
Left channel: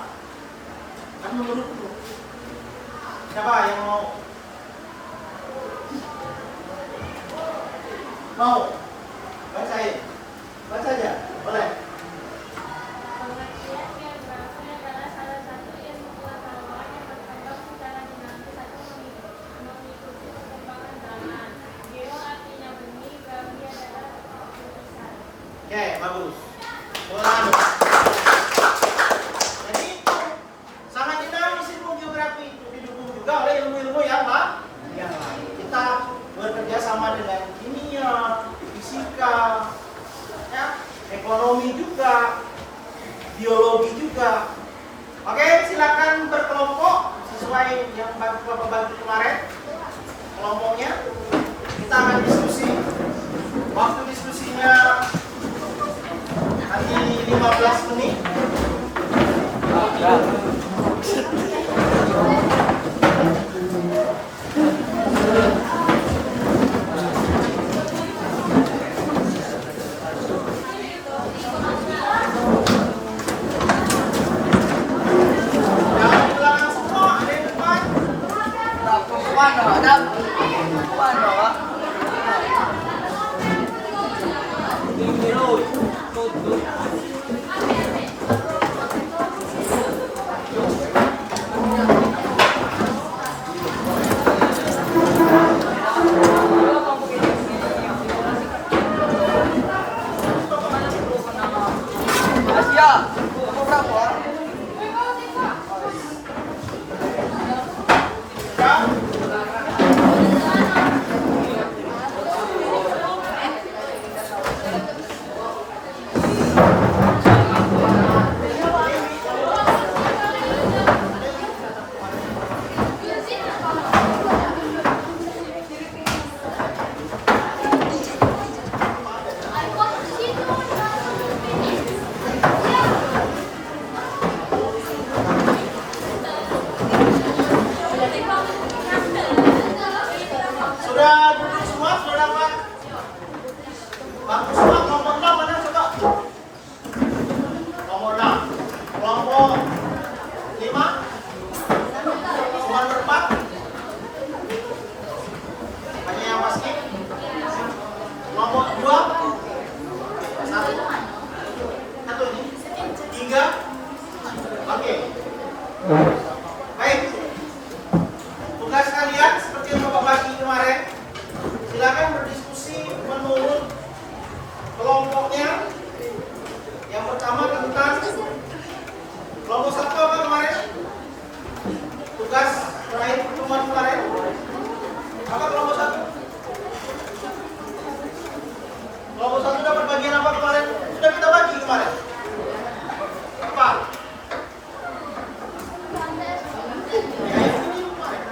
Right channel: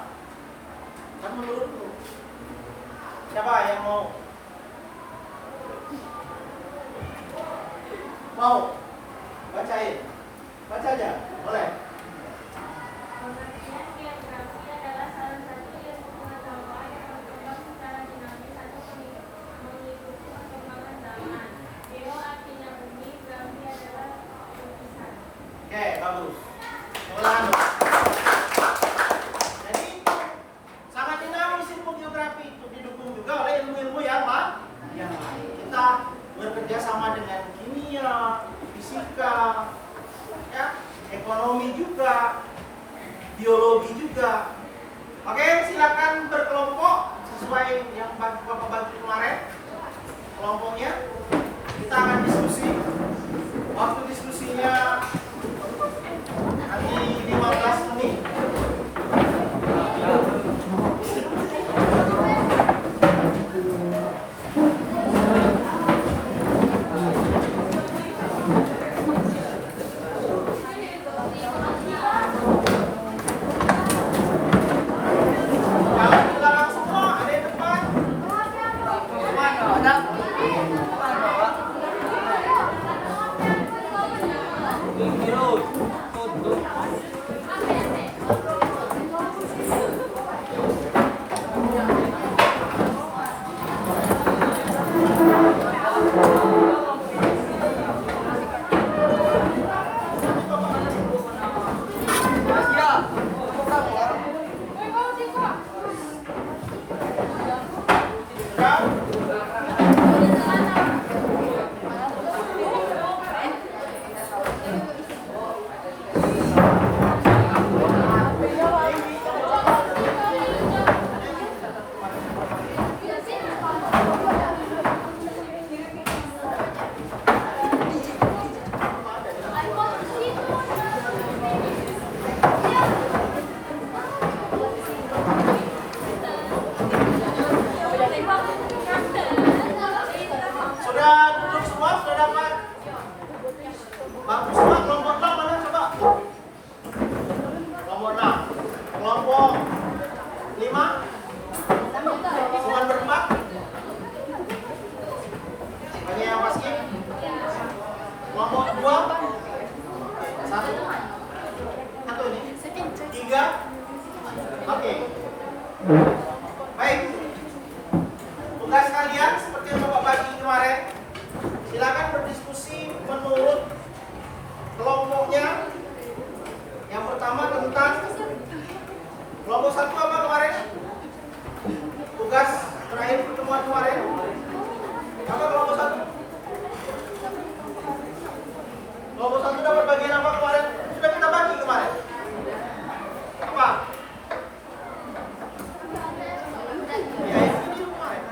Kan menurutku. Siapa yang mau? Mau? Bacain. Baca aja. Boleh. Pengertian geografi adalah salah satu ilmu pengetahuan yang berkembang secara dinamis atau mengikuti perkembangan zaman. Geo artinya bumi, grafi adalah tulisan. Oke, bagus. Mulai. Jadi itu sangat dinamis ilmu geografi itu didukung juga oleh ilmu-ilmu yang lain. Kita berpikir sama dengan kimia, fisika, ya, ekonomi juga, biologi juga. Oke, silakan berkelompok sesuai yang Bapak bantu kemarin. Kelompoknya kita akan diskusi. Waktu diskusinya nanti 15 menit. Baik, tugas kalian seperti yang Bapak bagi kemarin, silakan berdiskusi menurut kelompoknya. Yang pertama tentang kelompok satu apa kemarin? Tugas terakhir pertemuan kemarin apa kelompok satu? Kelompok satu dapat bagian apa kemarin? Sudah kita bagi kemarin. Apa? Ya, ini kemarin.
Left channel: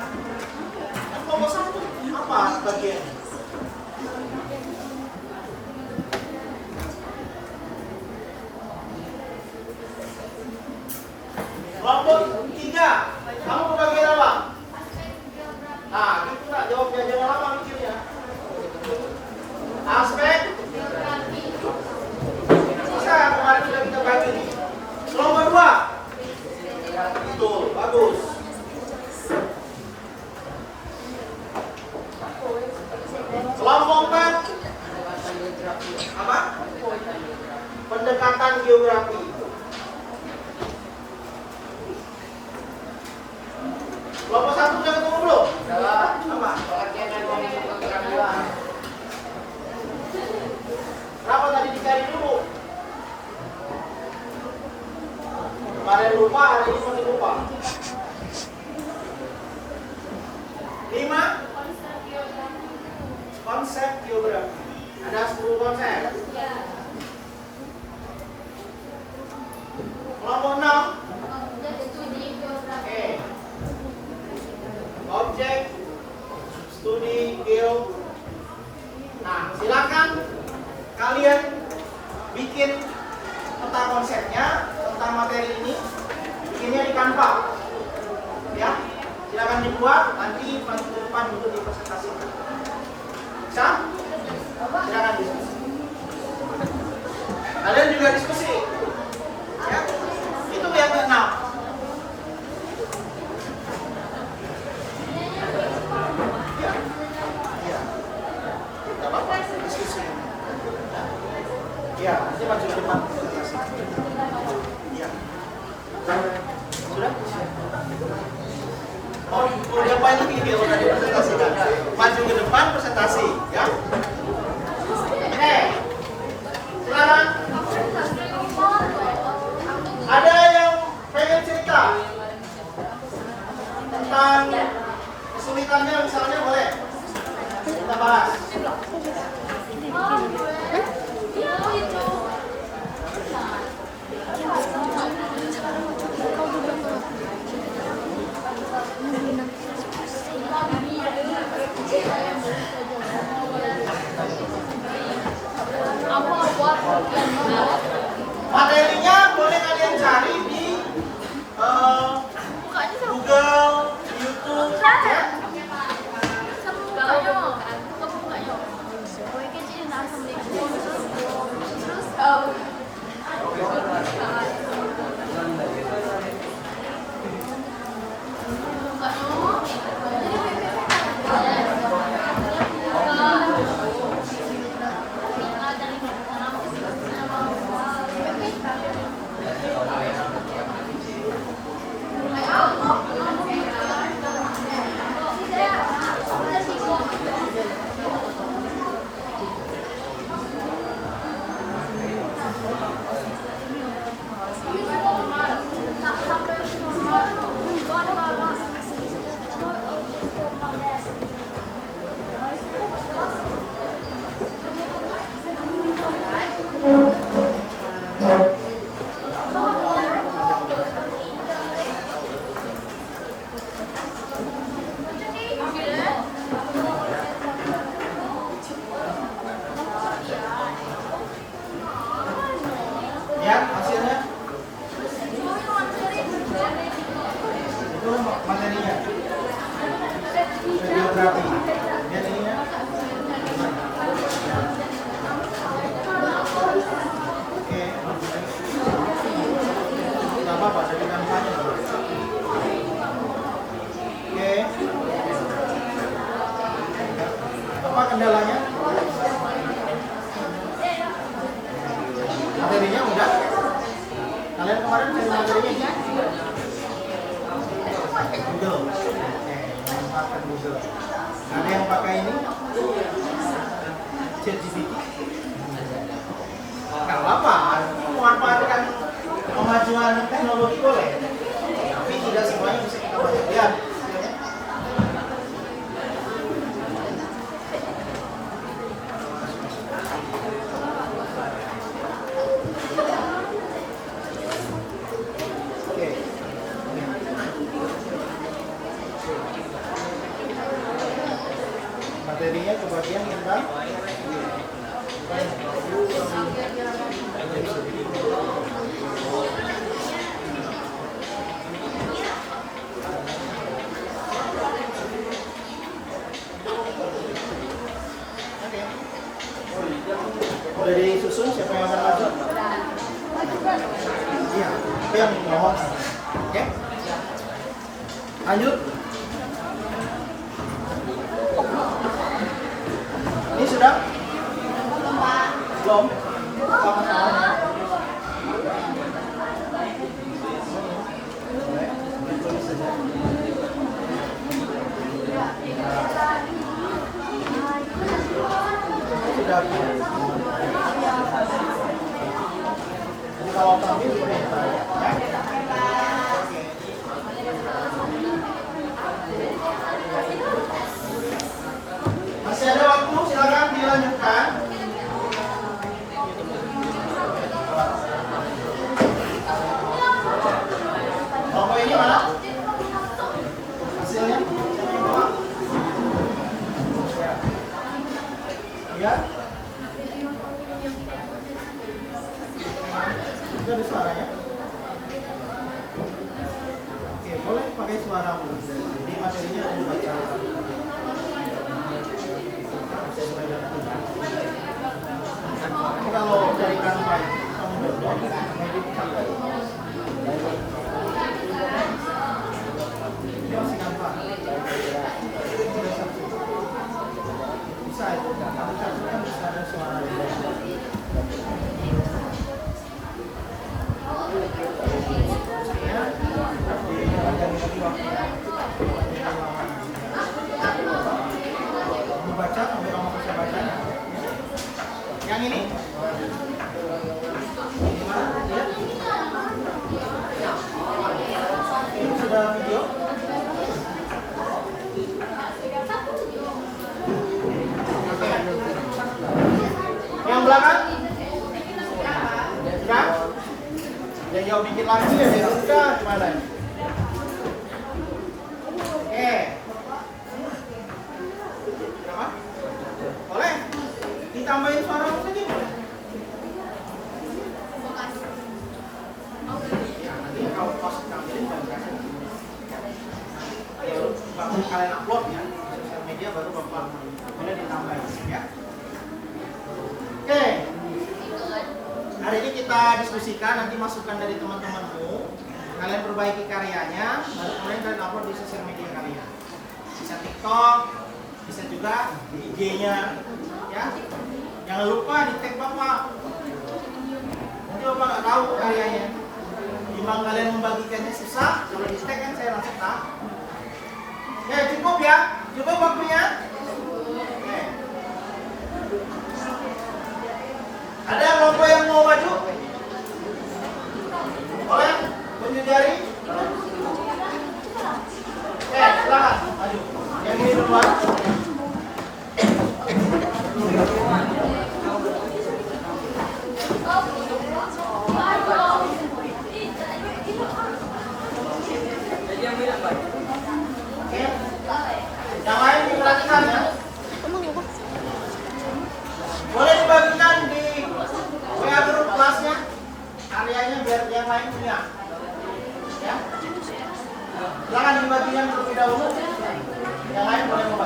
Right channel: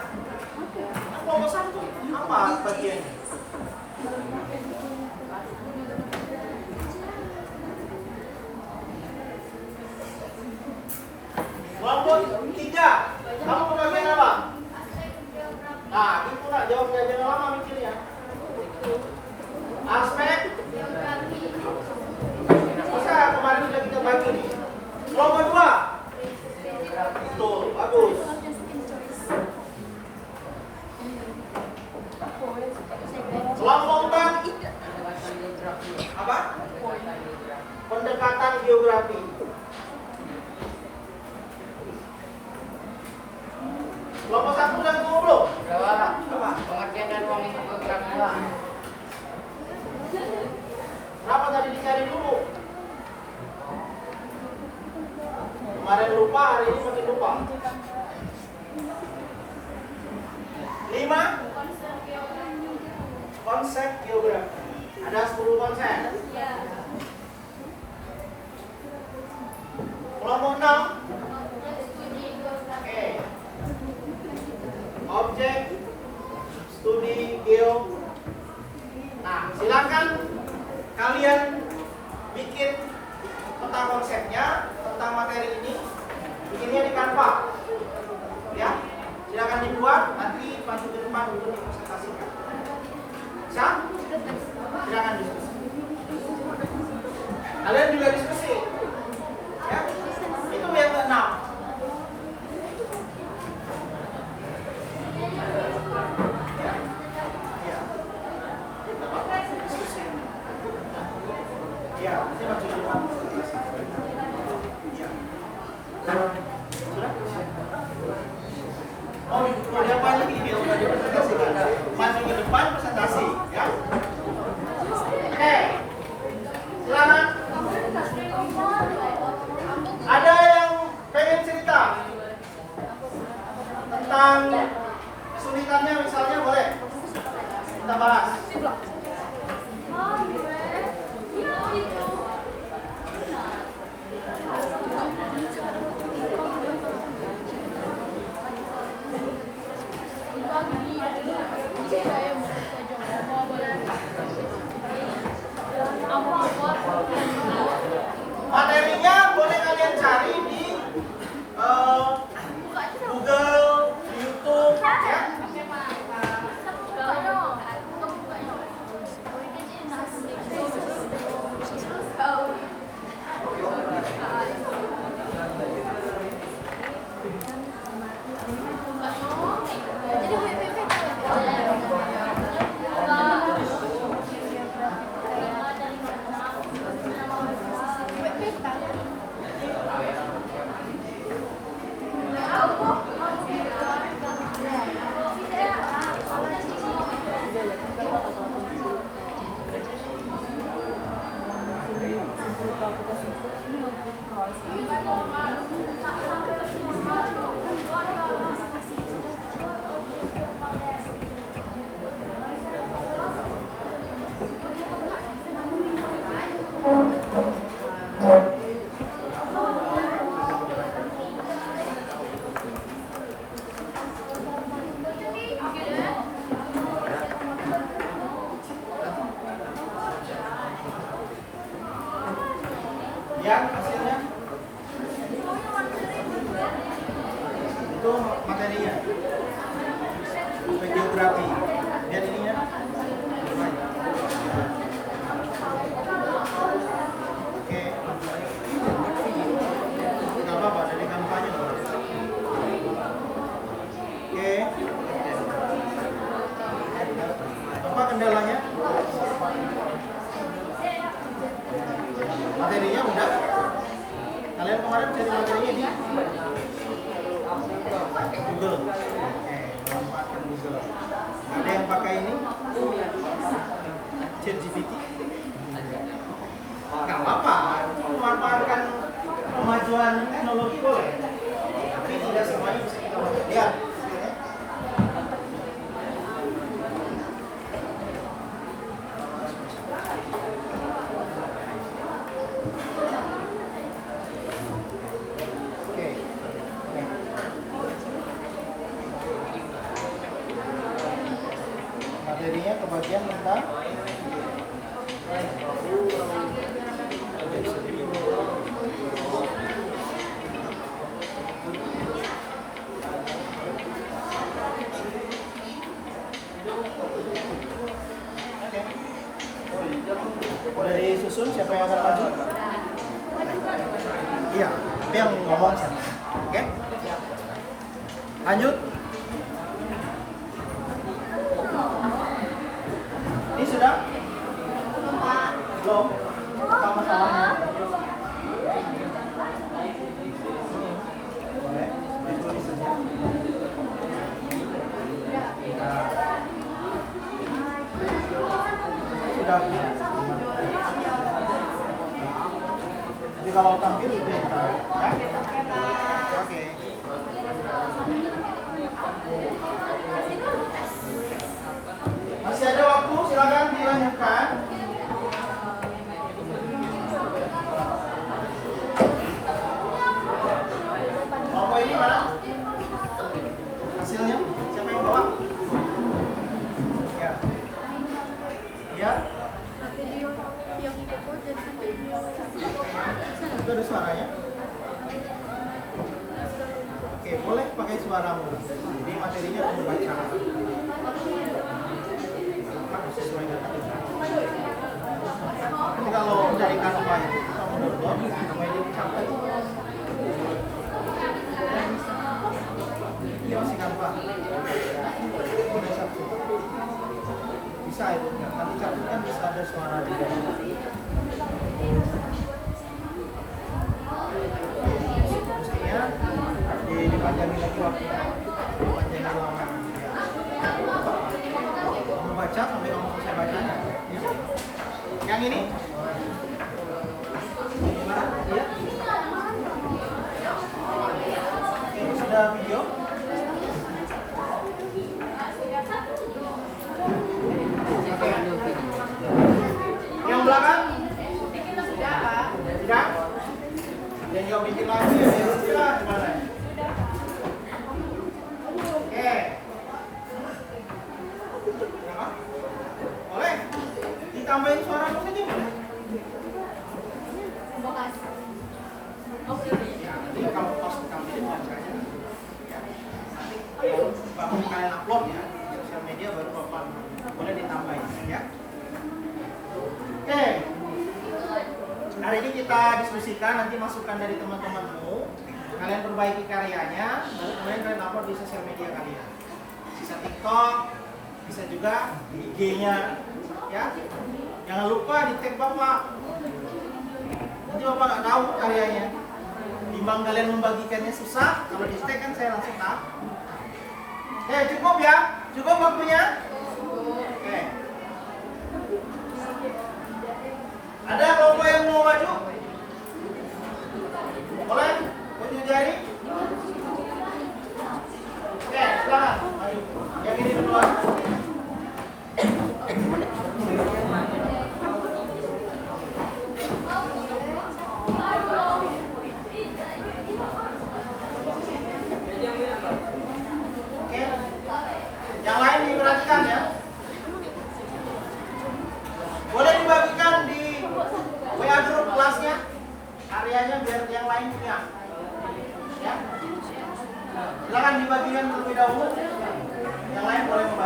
Kelompok satu apa bagian? Kelompok tiga, kamu bagian apa? Nah, gitu nak jawabnya jangan lama mikirnya. Aspek bisa kemarin sudah kita bagi nih. Kelompok dua, betul, bagus. Kelompok empat, apa? Pendekatan geografi. Kelompok satu sudah ketemu belum? Apa? Pengertian dan pengetahuan. Kenapa tadi dicari dulu? Kemarin lupa, hari ini makin lupa. 5. Konsep geografi. Ada 10 konsep. Kelompok 6. Oke. Objek studi geo. Nah, silakan kalian bikin peta konsepnya tentang materi ini, bikinnya di Canva. Ya, silakan dibuat, nanti minggu depan untuk dipresentasikan. Bisa? Silakan diskusi. Kalian juga diskusi. Ya, itu yang ke-6. Ya, nanti maju ke depan. Ya. Sudah? Oh, mau diapain lagi biar sudah dipresentasikan? Maju ke depan presentasi, ya. Oke. Silakan. Ada yang pengen cerita tentang kesulitannya misalnya boleh kita bahas. geografi. Lihat ininya. Oke, nggak apa-apa, dari kampanye. Oke. Apa kendalanya? Materinya udah? Kalian kemarin cari materinya di Google. Oke, manfaatkan Google. Ada yang pakai ini? ChatGPT? Nggak apa-apa, memanfaatkan kemajuan teknologi boleh. Tapi tidak semuanya bisa kita pakai. Lihat. Materinya kebagian tentang oke. Udah disusun siapa yang akan maju? Iya, tapi yang ngomong sana. Oke. Lanjut. Ini sudah? Belum? Apa masalahnya? Sudah. Jadi kalau tampil itu ya? Oke. Masih ada waktu, silakan dilanjutkan. Rokok ini mana? Hasilnya? Siapa yang bawa? Ya. Ya. Itu ada suaranya? Oke, boleh pakai suara. Jadi materinya untuk baca. Sesuai data kita. Nanti kalau dari Canva itu sama download, sampai di campur. Ini masih Canva. Sudah satu. Bisa itu. Nanti satu kan bisa ada suara di bawah. Mestinya dipanjangin lagi waktunya. Dipanjangin lama. Baca sampai kamu bisa bacanya ya. Yang ini gimana? Ya. Ini sudah video. Oke. Yang belakang sudah? Dan jawab bikin lagi ya, sudah gimana? Oke. Boleh? Ditambahin suara saja boleh? Ya, nanti kalau pas ditampilin bacanya. Nanti baru kalian upload ya di sosial media baru bapak boleh ditambahin ya. Oke. Hari ini kita diskusikan, nanti masukan dari teman-temanmu. Kalian perbaiki karyanya, baru kemudian kalian upload di sosial media kalian. Bisa TikTok, bisa juga di IG-nya ya. Jangan lupa di tag Bapak. Nanti Bapak nggak tahu karyanya. Timbang kalian membagikannya susah, kalau di tag kan saya langsung tahu. Ya cukup ya, cukup waktunya. Oke. Ada kelompok yang mau maju? Boleh? Tunjuk jari. Oke, silakan maju. Yang ini duluan. Yang lain diperhatikan ya. Boleh dibagikan di WA grup kelasnya karyanya biar yang lain punya. Ya. Silakan dibagikan terlebih dahulu. Yang lain boleh membantu.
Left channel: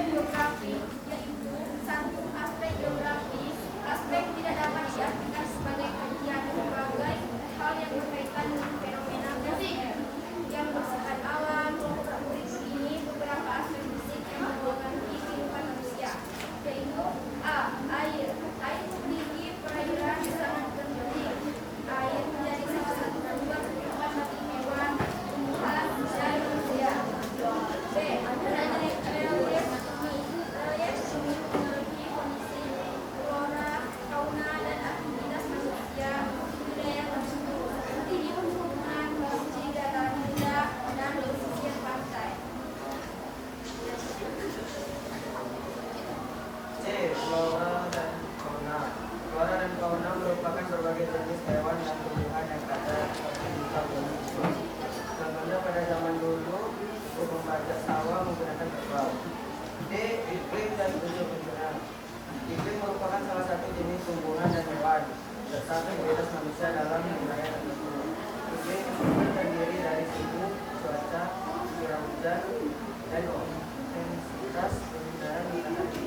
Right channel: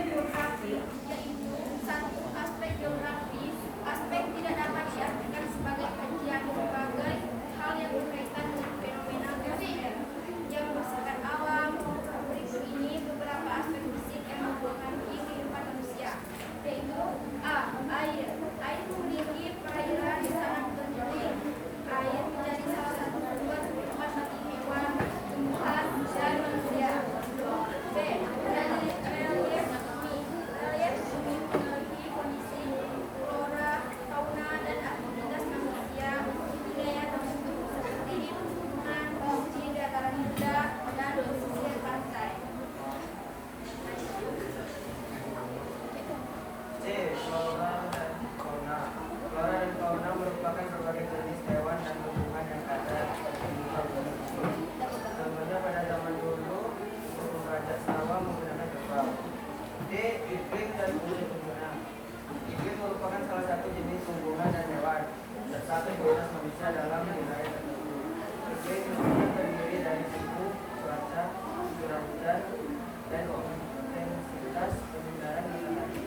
aspek geografi, yaitu satu aspek geografis. Aspek tidak dapat diartikan sebagai kajian berbagai hal yang berkaitan dengan fenomena yang bersifat alam. Berikut ini beberapa aspek fisik yang mempengaruhi kehidupan manusia, yaitu A. Air. Air memiliki perairan sangat penting. Air menjadi salah satu sumber kehidupan bagi hewan, tumbuhan, dan manusia. B. Relief bumi. Relief bumi memiliki kondisi flora, fauna, dan aktivitas manusia di wilayah tertentu seperti di pegunungan, di dataran rendah, dan di pesisir pantai. C. Flora dan fauna. Flora dan fauna merupakan berbagai jenis hewan dan tumbuhan yang ada di muka bumi. Contohnya pada zaman dulu, burung gajah sawah menggunakan terbang. D. Iklim dan tumbuhan. Iklim merupakan salah satu jenis tumbuhan dan hewan serta aktivitas manusia dalam wilayah tertentu. Iklim terdiri dari suhu, cuaca, curah hujan, dan intensitas kebenaran matahari.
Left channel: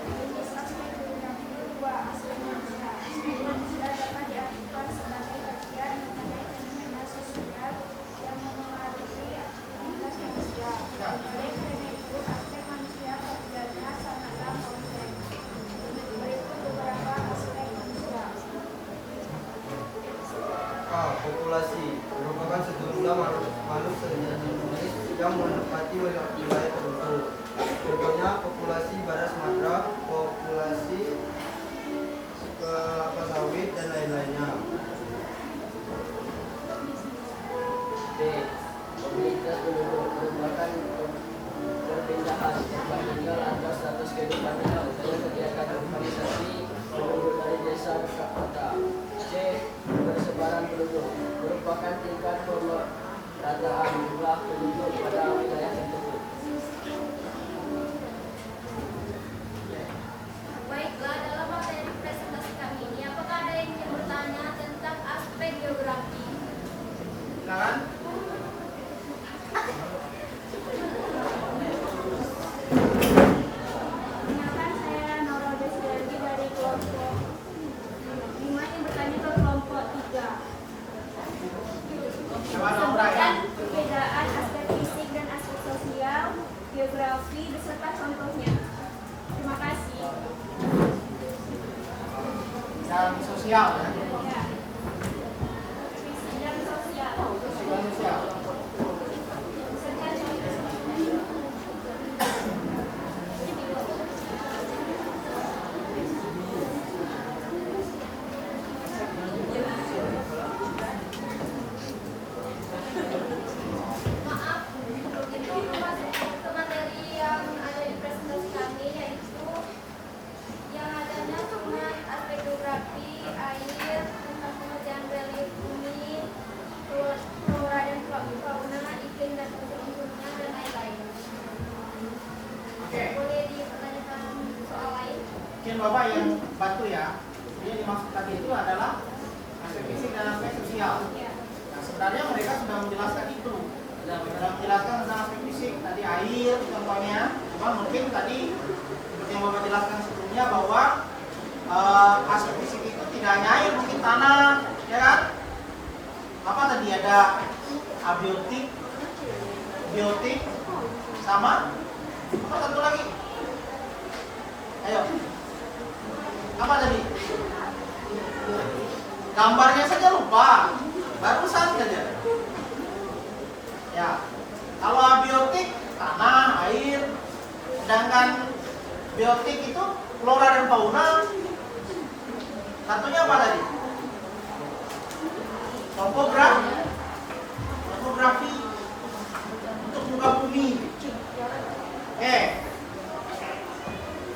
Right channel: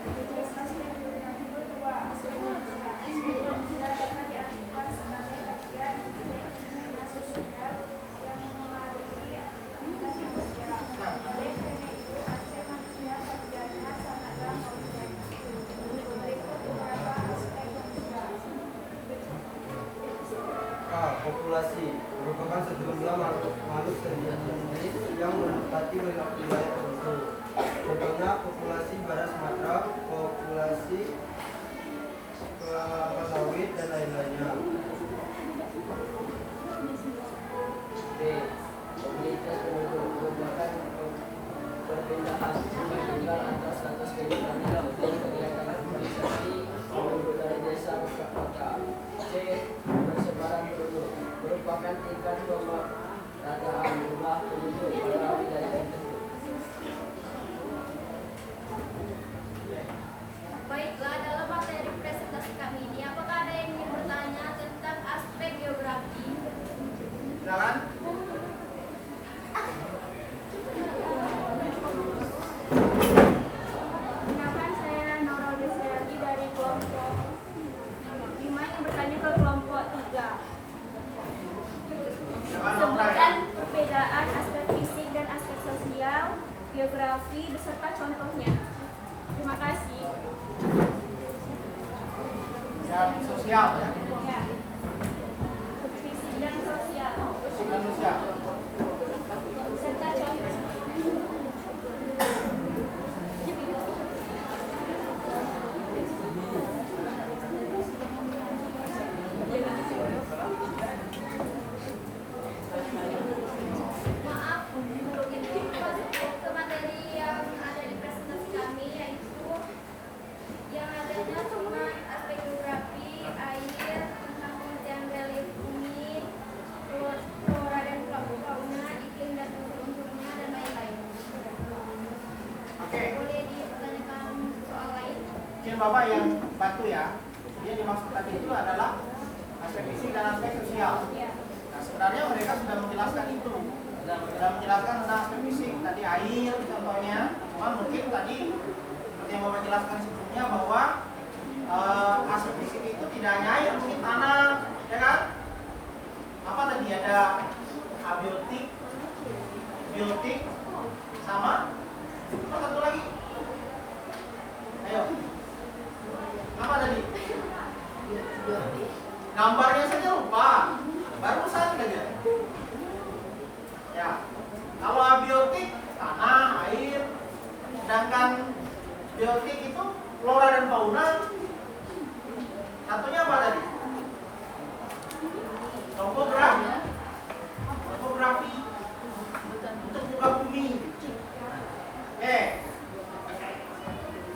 Jenis aspek geografi kedua, aspek manusia. Aspek manusia dapat diartikan sebagai bagian dari fenomena sosial yang memengaruhi aktivitas manusia. Oleh karena itu, aspek manusia kajiannya sangatlah kompleks. Berikut beberapa aspek manusia. A. Populasi merupakan sejumlah makhluk sejenis yang menempati wilayah tertentu. Contohnya populasi pada Sumatera, populasi kelapa sawit, dan lain-lainnya. B. Mobilitas penduduk merupakan perpindahan tempat tinggal antar status kehidupan untuk menyediakan urbanisasi penduduk dari desa ke kota. C. Persebaran penduduk merupakan tingkat pemerataan jumlah penduduk pada wilayah tertentu. Baiklah, dalam materi presentasi kami ini, apakah ada yang ingin bertanya tentang aspek geografi? Silakan. Perkenalkan, saya Nora Desiragi dari kelompok 5 yang bertanya ke kelompok 3. Sebutkan perbedaan aspek fisik dan aspek sosial, geografi beserta contohnya. Terima kasih. Yang sosial ya. Fisik dan sosial. Fisik dan sosial. Beserta contohnya. Maaf, itu masuk ke materi yang ada di presentasi kami, yaitu yang adanya cuma aspek geografi, air, tentang pengerjaan relief bumi, flora dan fauna, iklim dan unsur-unsurnya, dan lain-lain. Oke. Boleh dipertanyakan soal lain? Mungkin Bapak yang bantu ya. Jadi dimaksud tadi itu adalah aspek fisik dan aspek sosial. Nah, sebenarnya mereka sudah menjelaskan itu. Sudah menjelaskan tentang aspek fisik. Tadi air contohnya. Cuma mungkin tadi seperti yang Bapak jelaskan sebelumnya bahwa aspek fisik itu tidak hanya air, mungkin tanah, ya kan? Apa tadi ada abiotik, biotik, sama apa satu lagi? Ayo. Apa tadi? Gambarnya saja lupa. Barusan saja. Ya. Kalau abiotik tanah, air. Sedangkan biotik itu flora dan fauna. Satunya apa tadi? Topografi untuk muka bumi. Oke.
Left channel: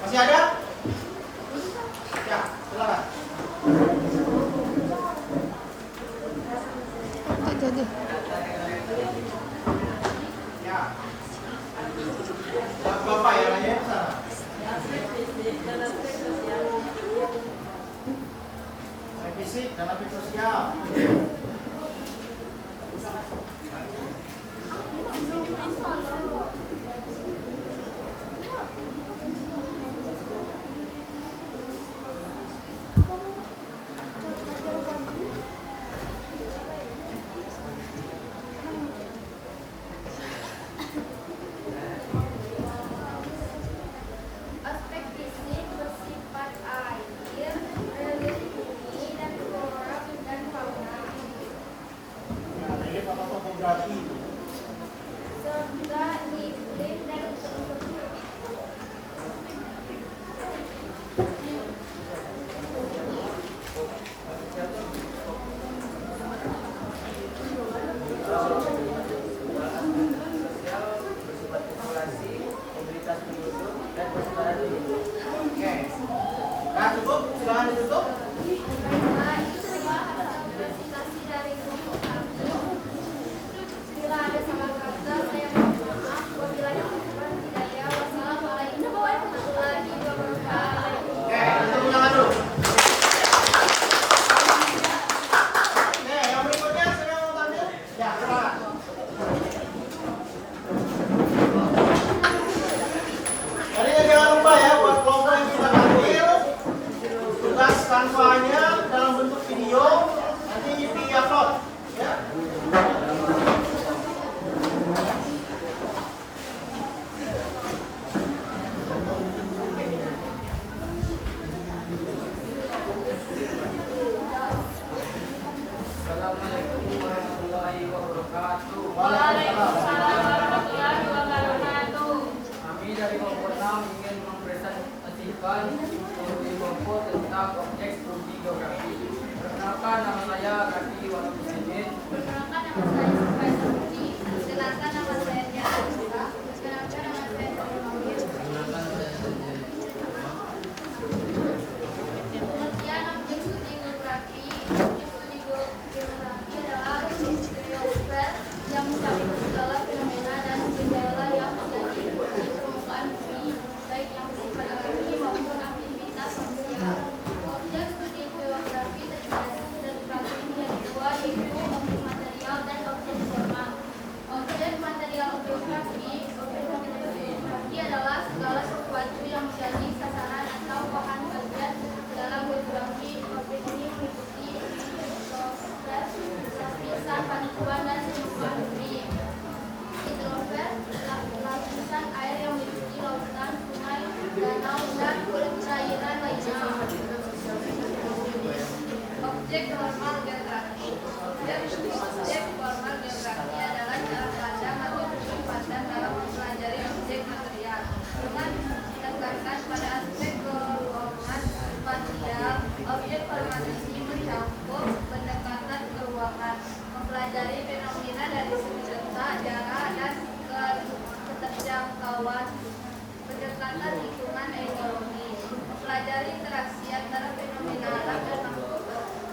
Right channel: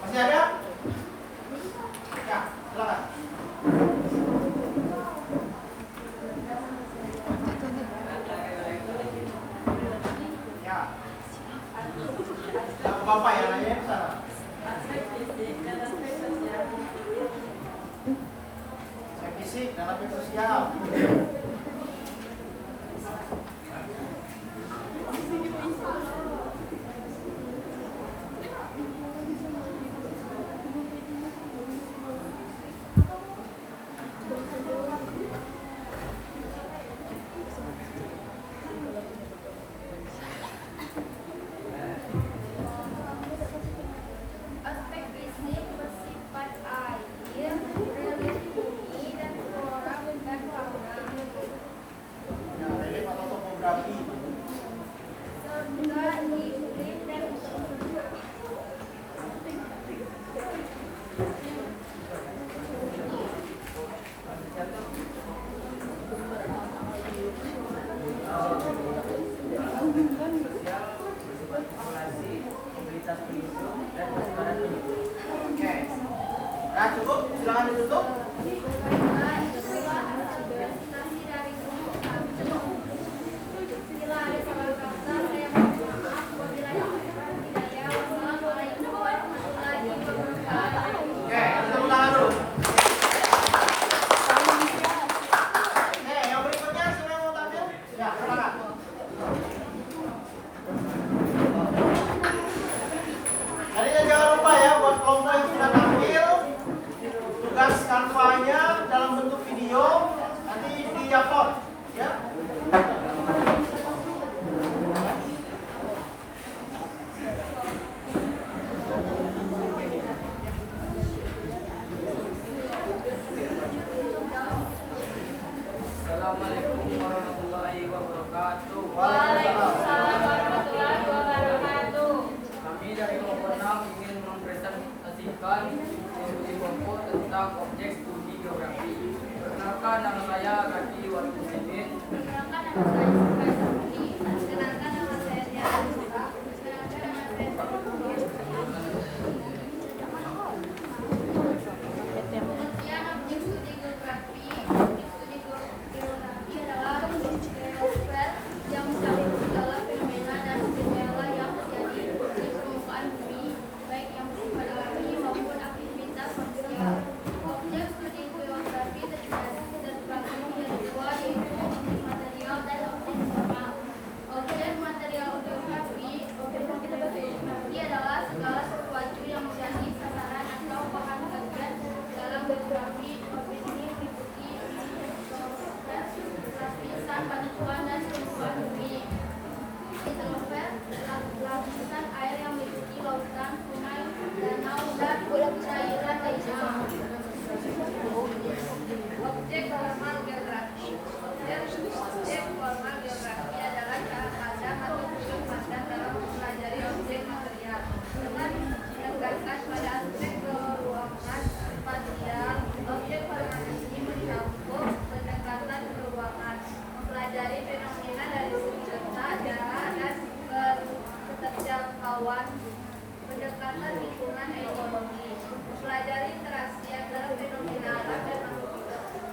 Masih ada? Ya, silakan. Ya. Bapak yang nanya ke sana. Aspek fisik dan aspek sosial. Aspek fisik dan aspek sosial. membacakan info tentang objek studi geografi. Perkenalkan, nama saya Raki Walukusidin. Perkenalkan, nama saya Sufai Sabuti. Perkenalkan, nama saya Tiara Suka. Perkenalkan, nama saya Febri Mawir. Pengertian objek studi geografi. Objek studi geografi adalah geosfer yang mencakup segala fenomena dan gejala yang terjadi di permukaan bumi, baik yang bersifat alami maupun aktivitas manusia. Objek studi geografi terbagi menjadi dua, yaitu objek material dan objek formal. Objek material geografi adalah segala sesuatu yang menjadi sasaran atau bahan kajian dalam geografi. Objek ini meliputi hidrosfer, lapisan batuan dan permukaan bumi. Hidrosfer, lapisan air yang meliputi lautan, sungai, danau, dan cairan lainnya. Objek formal geografi. Objek formal geografi adalah cara pandang atau tujuan pandang dalam mempelajari objek material dengan menekankan pada aspek keruangan spasial. Objek formal ini mencakup pendekatan keruangan, mempelajari fenomena dari segi letak, jarak, dan keterjangkauan, pendekatan lingkungan ekologi, mempelajari interaksi antara fenomena alam dan makhluk,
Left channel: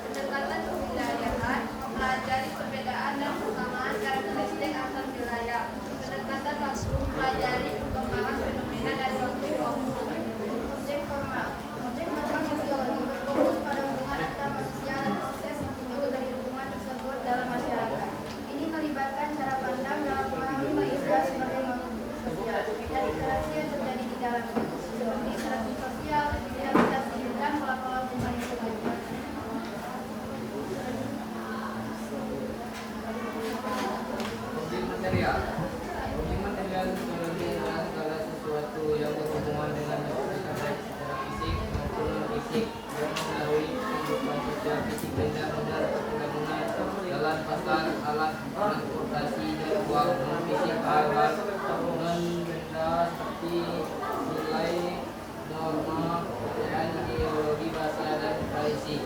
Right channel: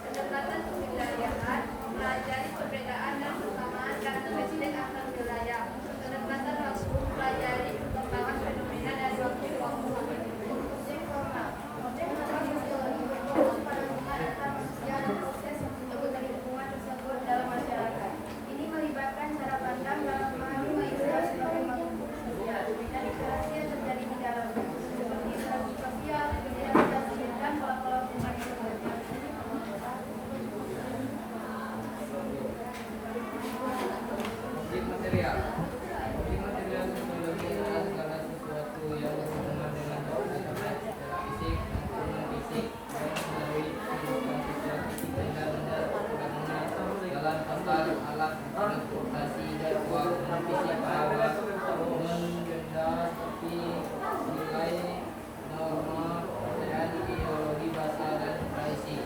pendekatan kebudayaan, mempelajari perbedaan dan persamaan karakteristik antar wilayah, pendekatan waktu, mempelajari perkembangan fenomena dari waktu ke waktu. Objek formal. Objek formal sosiologi berfokus pada hubungan antar manusia dan proses muncul dari hubungan tersebut dalam masyarakat. Ini melibatkan cara pandang dalam memahami manusia sebagai makhluk sosial dan interaksi yang terjadi di dalamnya, seperti interaksi sosial, identitas, dan pola-pola hubungan itu. Objek material. Objek material sosiologi adalah segala sesuatu yang berhubungan dengan baik secara fisik maupun non-fisik dan mempengaruhi kehidupan sosial fisik benda-benda perdagangan, jalan, pasar, alat transportasi, dan uang non-fisik alat non-benda seperti nilai, norma, dan ideologi bahasa dan tradisi.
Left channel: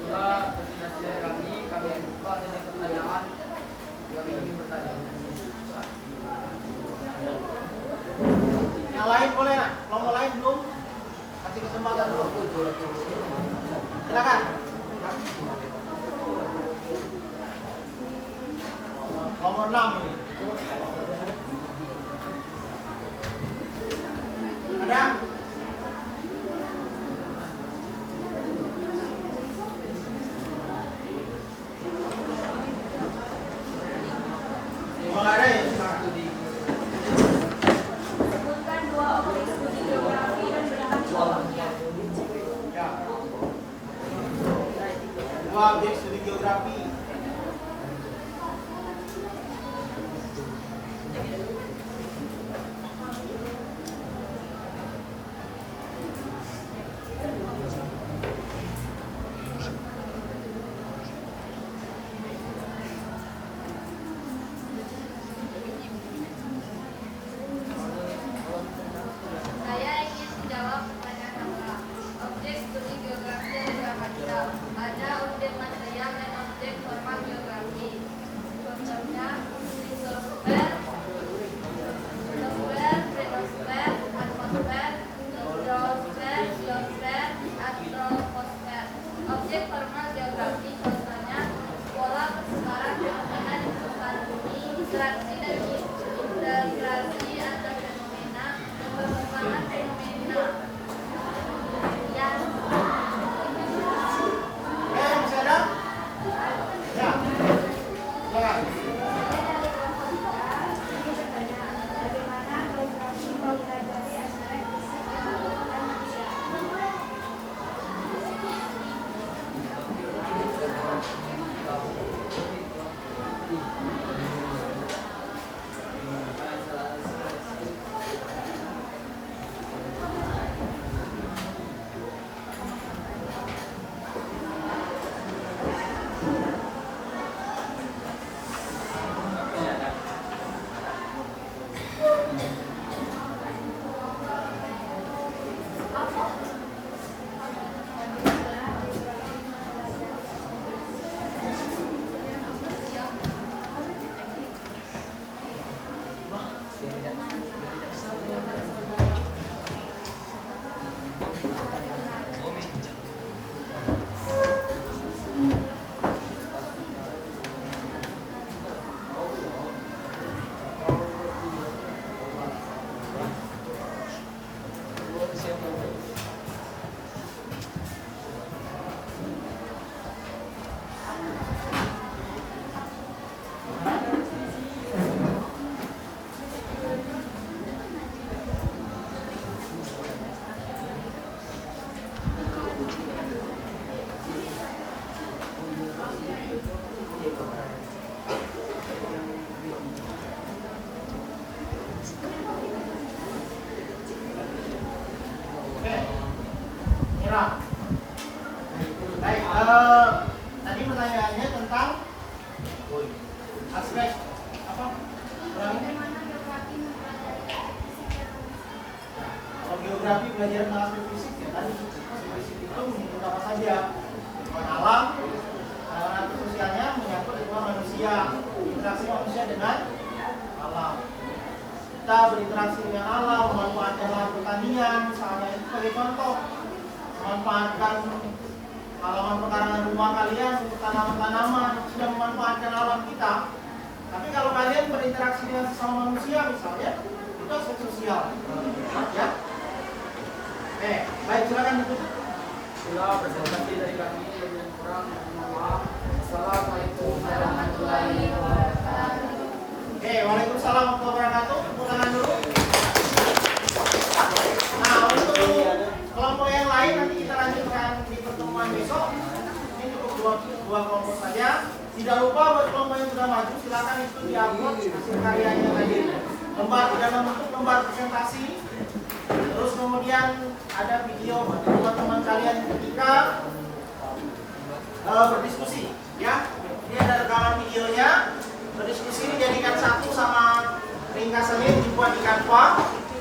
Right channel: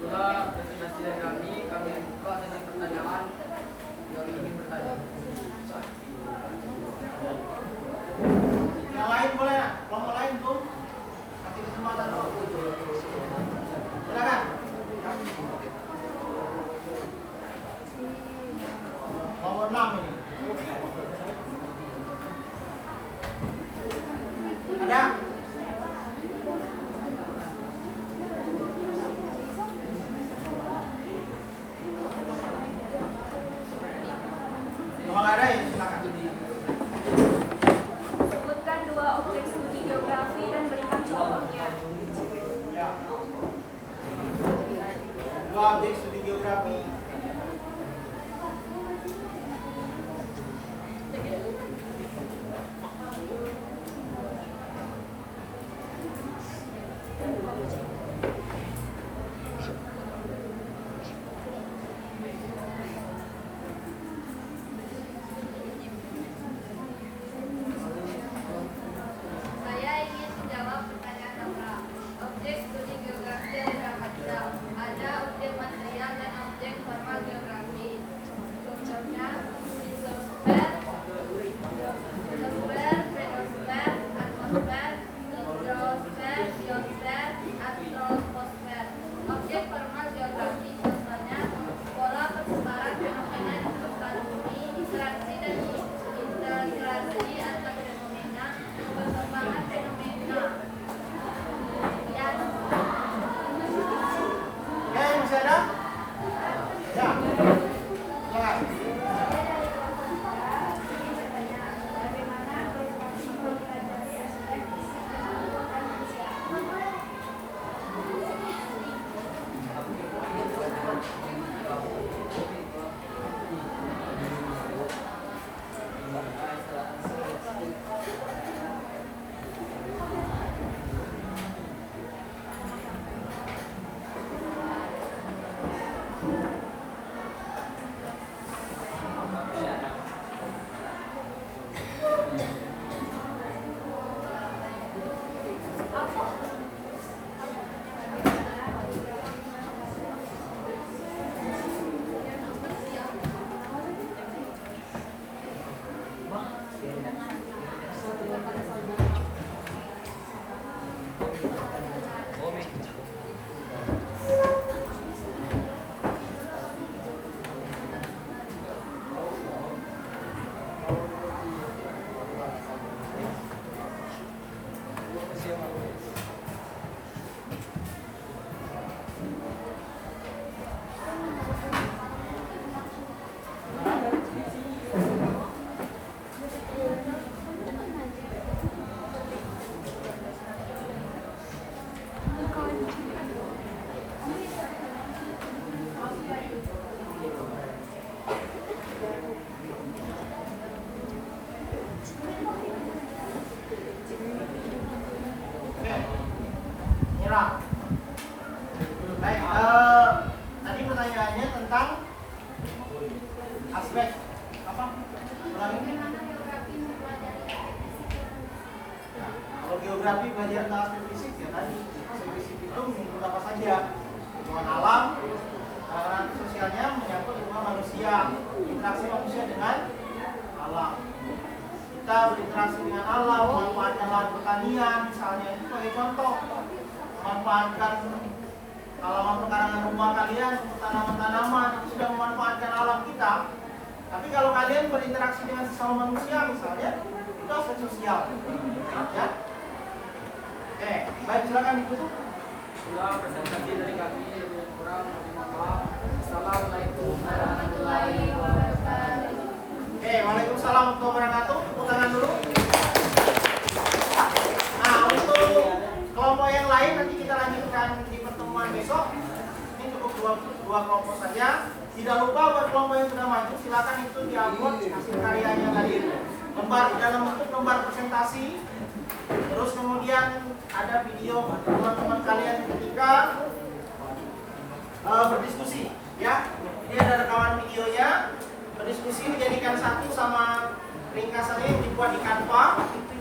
Itulah presentasi dari kami buka dengan pertanyaan yang ingin bertanya. Yang lain boleh nak? Kelompok lain belum? Kasih kesempatan dulu. Silakan. Nomor 6 ini. Ada? Kalau ada ya silakan. Sebutkan dua objek studi geografi dan berikan contohnya. Dua objek studi geografi. Aspek apa? Ulangi. Bagaimana geografi mempelajari aspek fisik dan manusia? Nah, kalau geografi belajar tentang aspek fisik ya tadi aspek fisik itu menyangkut apa saja? Lingkungan alam, karena sosialnya menyangkut lingkungan manusia, interaksi manusia dengan alam. Kita berinteraksi dengan alam, memanfaatkan lahan pertanian, misalnya itu sebagai contoh, memanfaatkan halaman pekarangan rumah kalian untuk tanaman-tanaman, sudah memanfaatkan alam kita. Tapi kalau kalian berinteraksi dengan sesama manusia misalnya, itu aspek sosial. Ya. Baik, silakan ditutup. Itulah presentasi dari kami yang kurang, mohon maaf. Assalamualaikum warahmatullahi wabarakatuh. Waalaikumsalam warahmatullahi wabarakatuh. Tepuk tangan dulu. Nah, untuk kelompok yang lain nanti kita lanjutkan di pertemuan besok. Ini cukup dua kelompok saja. Tidak lupa buat kelompok yang sudah maju, silakan itu diupload hasil karyanya tadi. Dalam bentuk lembar presentasi. Terus kemudian ada video teman-teman kalian ketika berdiskusi, ya. Ini ada rekaman videonya. Berdiskusi dijadikan satu sama ringkasannya yang dibuat di Canva.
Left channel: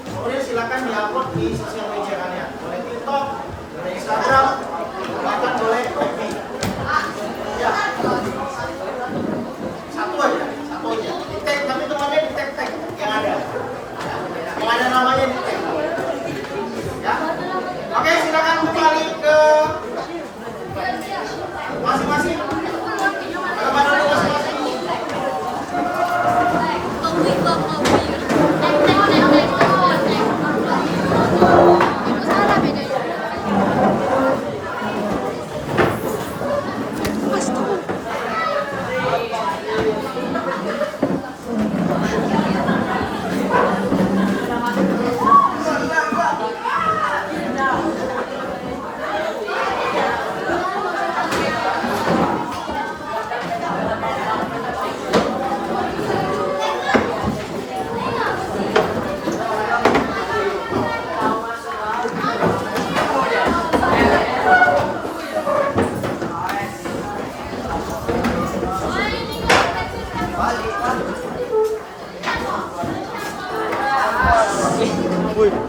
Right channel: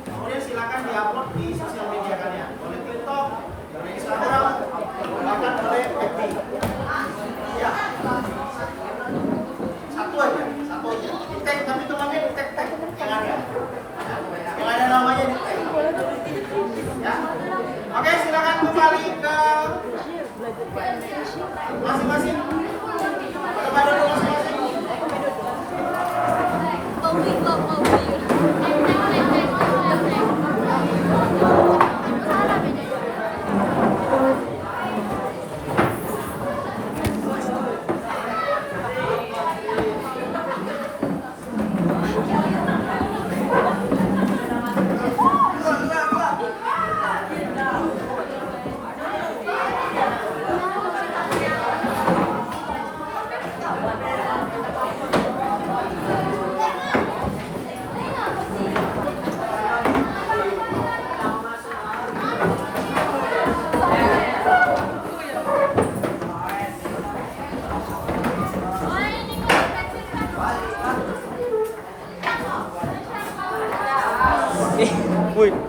Kemudian silakan diupload di sosial media kalian, boleh TikTok, boleh Instagram, bahkan boleh FB. Ya. Satu aja. Di tag, tapi temannya di tag yang ada. Yang ada namanya di tag. Ya. Oke, silakan kembali ke masing-masing. Kepada masing-masing.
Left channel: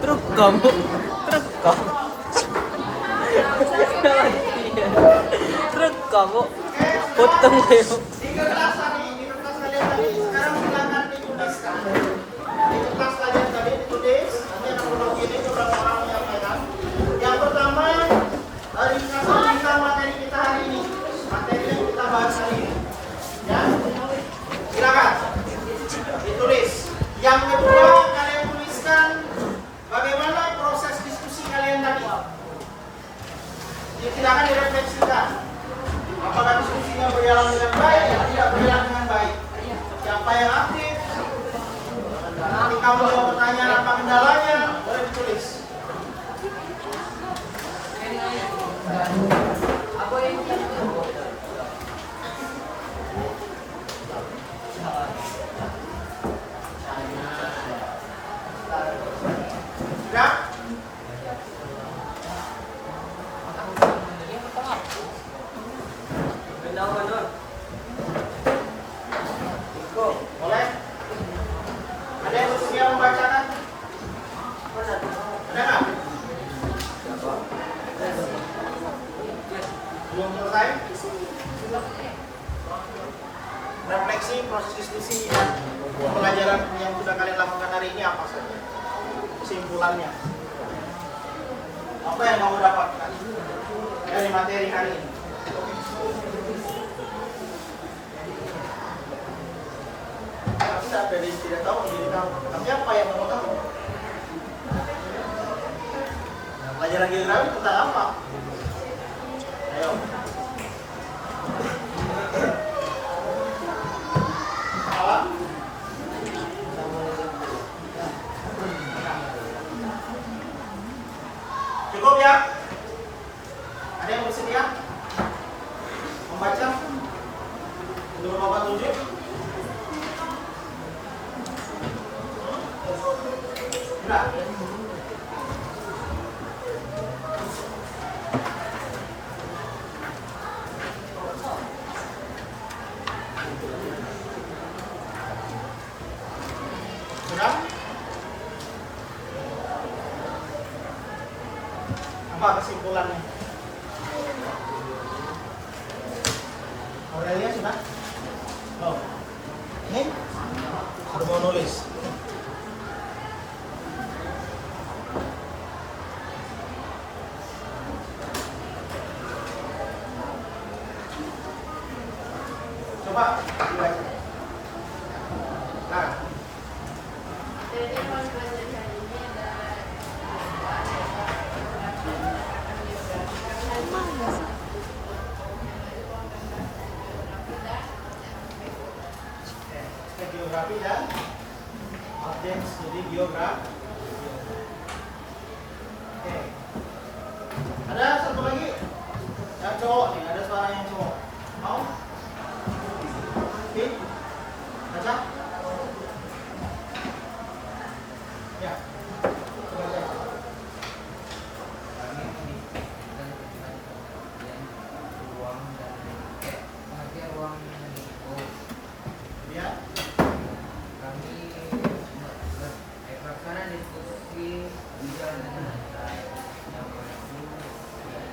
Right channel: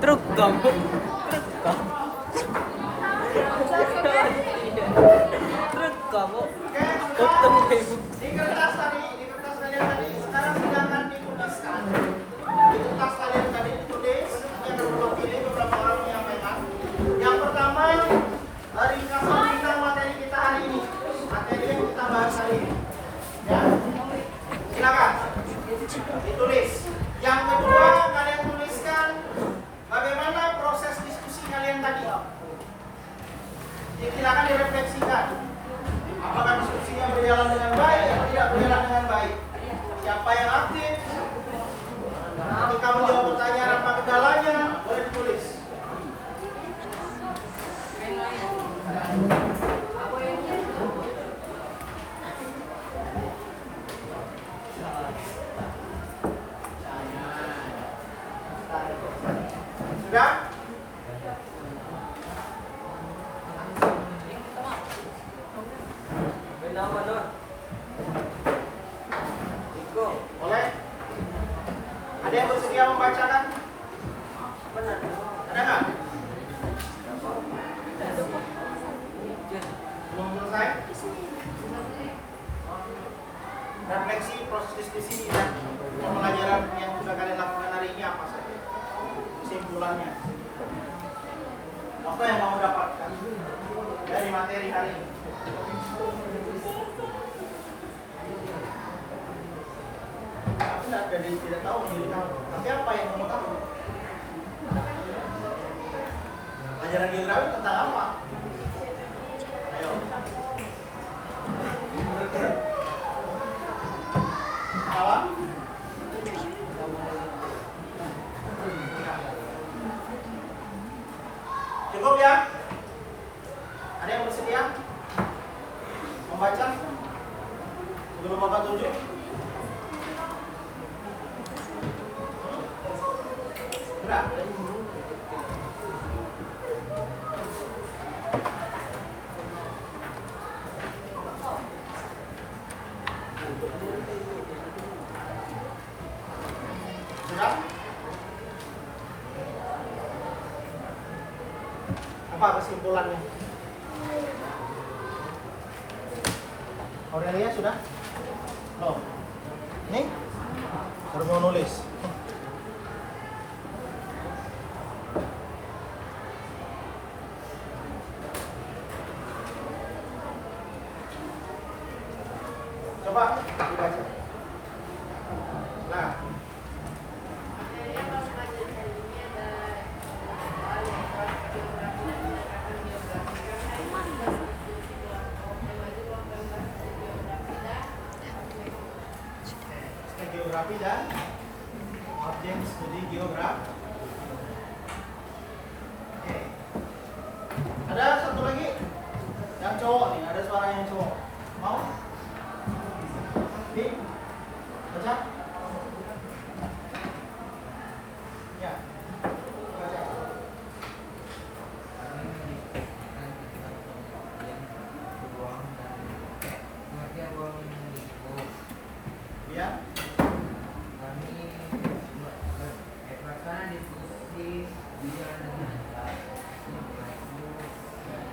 Truk kamu. Truk kamu. Potong deh. Di kertas kalian tadi, sekarang silakan dituliskan. Di kertas kalian tadi ditulis, nanti akan berlogin beberapa orang yang menyampaikan. Yang pertama, ringkasan tentang materi kita hari ini, materi yang kita bahas hari ini. Ya, silakan ditulis. Yang kedua, kalian tuliskan bagaimana proses diskusi kalian tadi. Silakan direfleksikan. Apakah diskusinya berjalan dengan baik atau tidak berjalan dengan baik? Siapa yang aktif? Nanti kamu yang bertanya apa kendalanya, boleh ditulis. Sudah? Boleh? Ada yang siap membacakan? Ada nggak? Belum selesai? Refleksi proses diskusi dan pembelajaran yang sudah kalian lakukan hari ini apa saja? Kesimpulannya. Apa yang kamu dapatkan dari materi hari ini? Tidak tahu diri kamu, tapi apa yang kamu tahu? Pelajaran geografi tentang apa? Ayo. Alam. Cukup ya? Ada yang bersedia membaca? Belum Bapak tunjuk? Enggak. Sudah? Apa kesimpulannya? Aurelia sudah? Oh. Ini? Sudah mau nulis? Coba dibaca. Nah, Jadi pas belajar kali ini ada geografi dan objek studi geografi. Oke. Ada satu lagi yang cowok nih, ada suara yang cowok. Mau? Fit? Baca? Ya. Baca. Kami mendiskusikan tentang pengertian ruang dan pengertian ruang itu. Lihat. Kami melaksanakan diskusi biar dengan memacu dan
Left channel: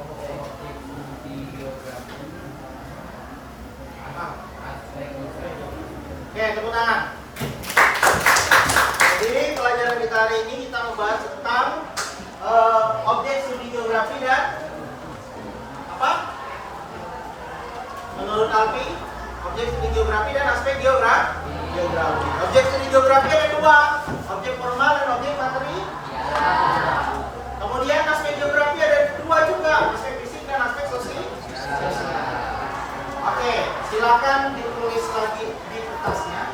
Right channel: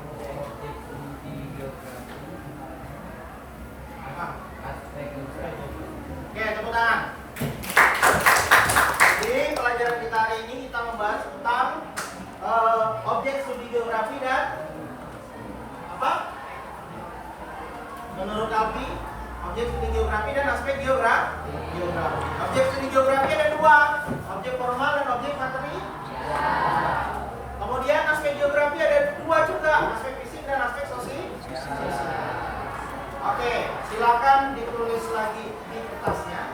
objek studi geografi aspek Oke, tepuk tangan. Jadi pelajaran kita hari ini kita membahas tentang objek studi geografi dan apa? Menurut Alfi, objek studi geografi dan aspek geografi. Objek studi geografi ada dua, objek formal dan objek materi. Kemudian aspek geografi ada dua juga, aspek fisik dan aspek sosial. Oke, silakan ditulis lagi di kertasnya.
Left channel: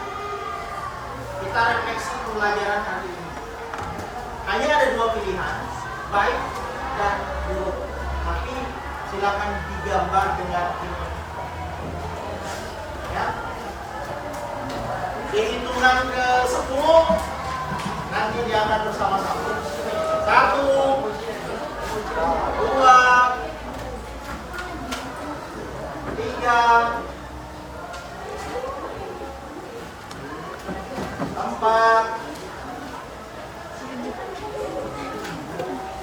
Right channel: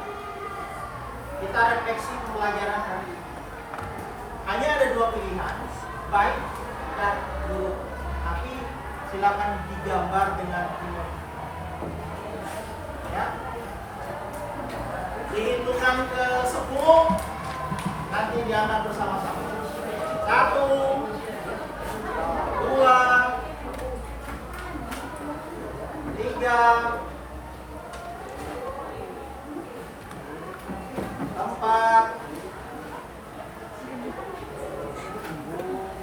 Kita refleksi pembelajaran hari ini. Hanya ada dua pilihan, baik dan buruk. Tapi silakan digambar dengan image. Ya. Di hitungan ke 10 nanti diangkat bersama-sama. 1, 2, 3, 4,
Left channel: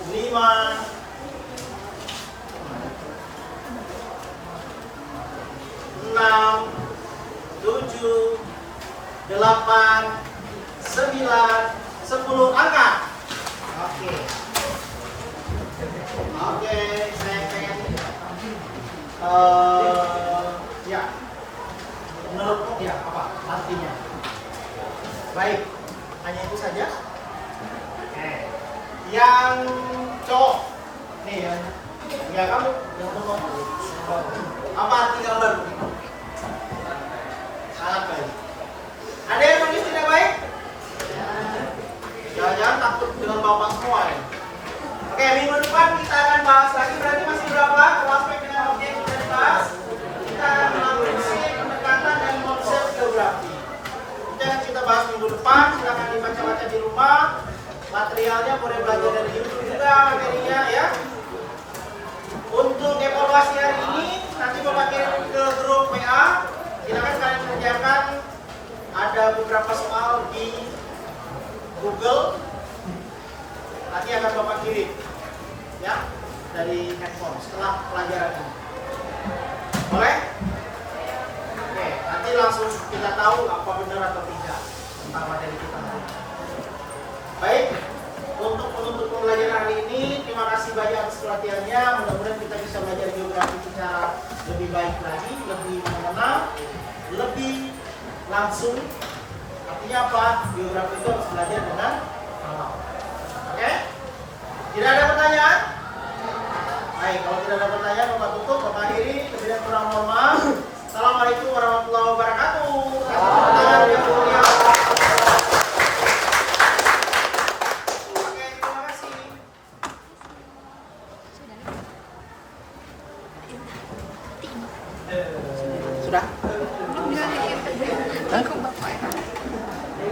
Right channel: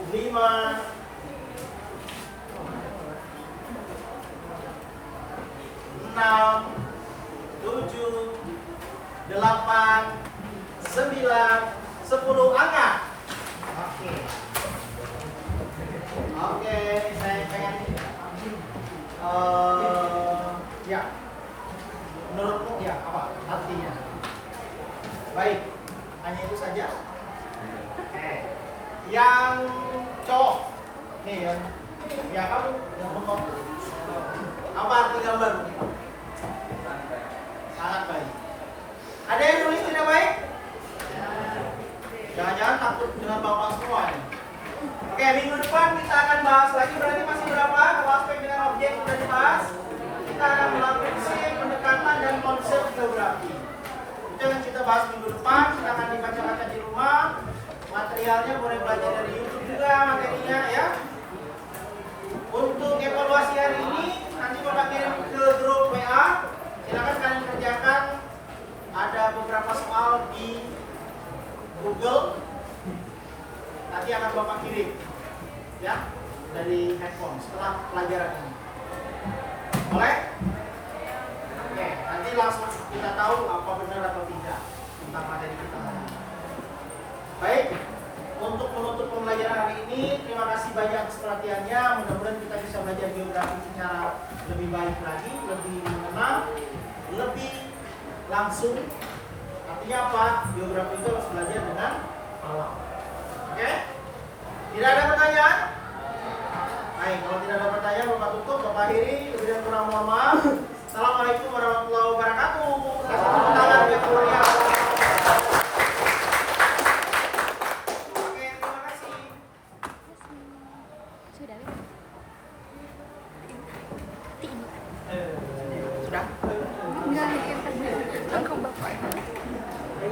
5, 6, 7, 8, 9, 10 angka. Oke. Oke, saya pengen ya. Menurutmu ya apa artinya? Baik, hanya itu saja. Oke. Yang cowok nih ya kamu yang ngomong apa arti gambar? Sangat baik. Ada yang nulis tidak baik? Jangan-jangan takut dengan bapak semua ya. Oke, minggu depan kita akan bahas lagi. Berarti masih berapa? Aspek dengan objek sudah dibahas. Kita akan melakukan pendekatan dan konsep geografi. Itu yang kita bahas minggu depan. Silakan dibaca-baca di rumah. Materialnya boleh belajar dari YouTube juga materinya ya. Untuk evaluasi hari ini nanti Bapak kirim ke grup WA. Silakan kalian kerjakan. Ada beberapa soal di Google. Nanti akan Bapak kirim ya dari handphone setelah pelajaran ini. Boleh? Oke, nanti langsung kita tahu apa benar atau tidak tentang materi kita hari ini. Baik, untuk menutup pembelajaran hari ini, terima kasih banyak atas pelatihannya. Mudah-mudahan kita bisa belajar geografi secara lebih baik lagi, lebih mengenal, lebih langsung. Artinya apa? Geografi itu harus belajar dengan alam. Oke? Tidak ada pertanyaan? Baik, kalau tidak ada pertanyaan, Bapak tutup, Bapak akhiri. Lebih dan kurang mohon maaf. Assalamualaikum warahmatullahi wabarakatuh. Kasih tepuk tangan yang mulia. Oke, terima kasih. Sudah?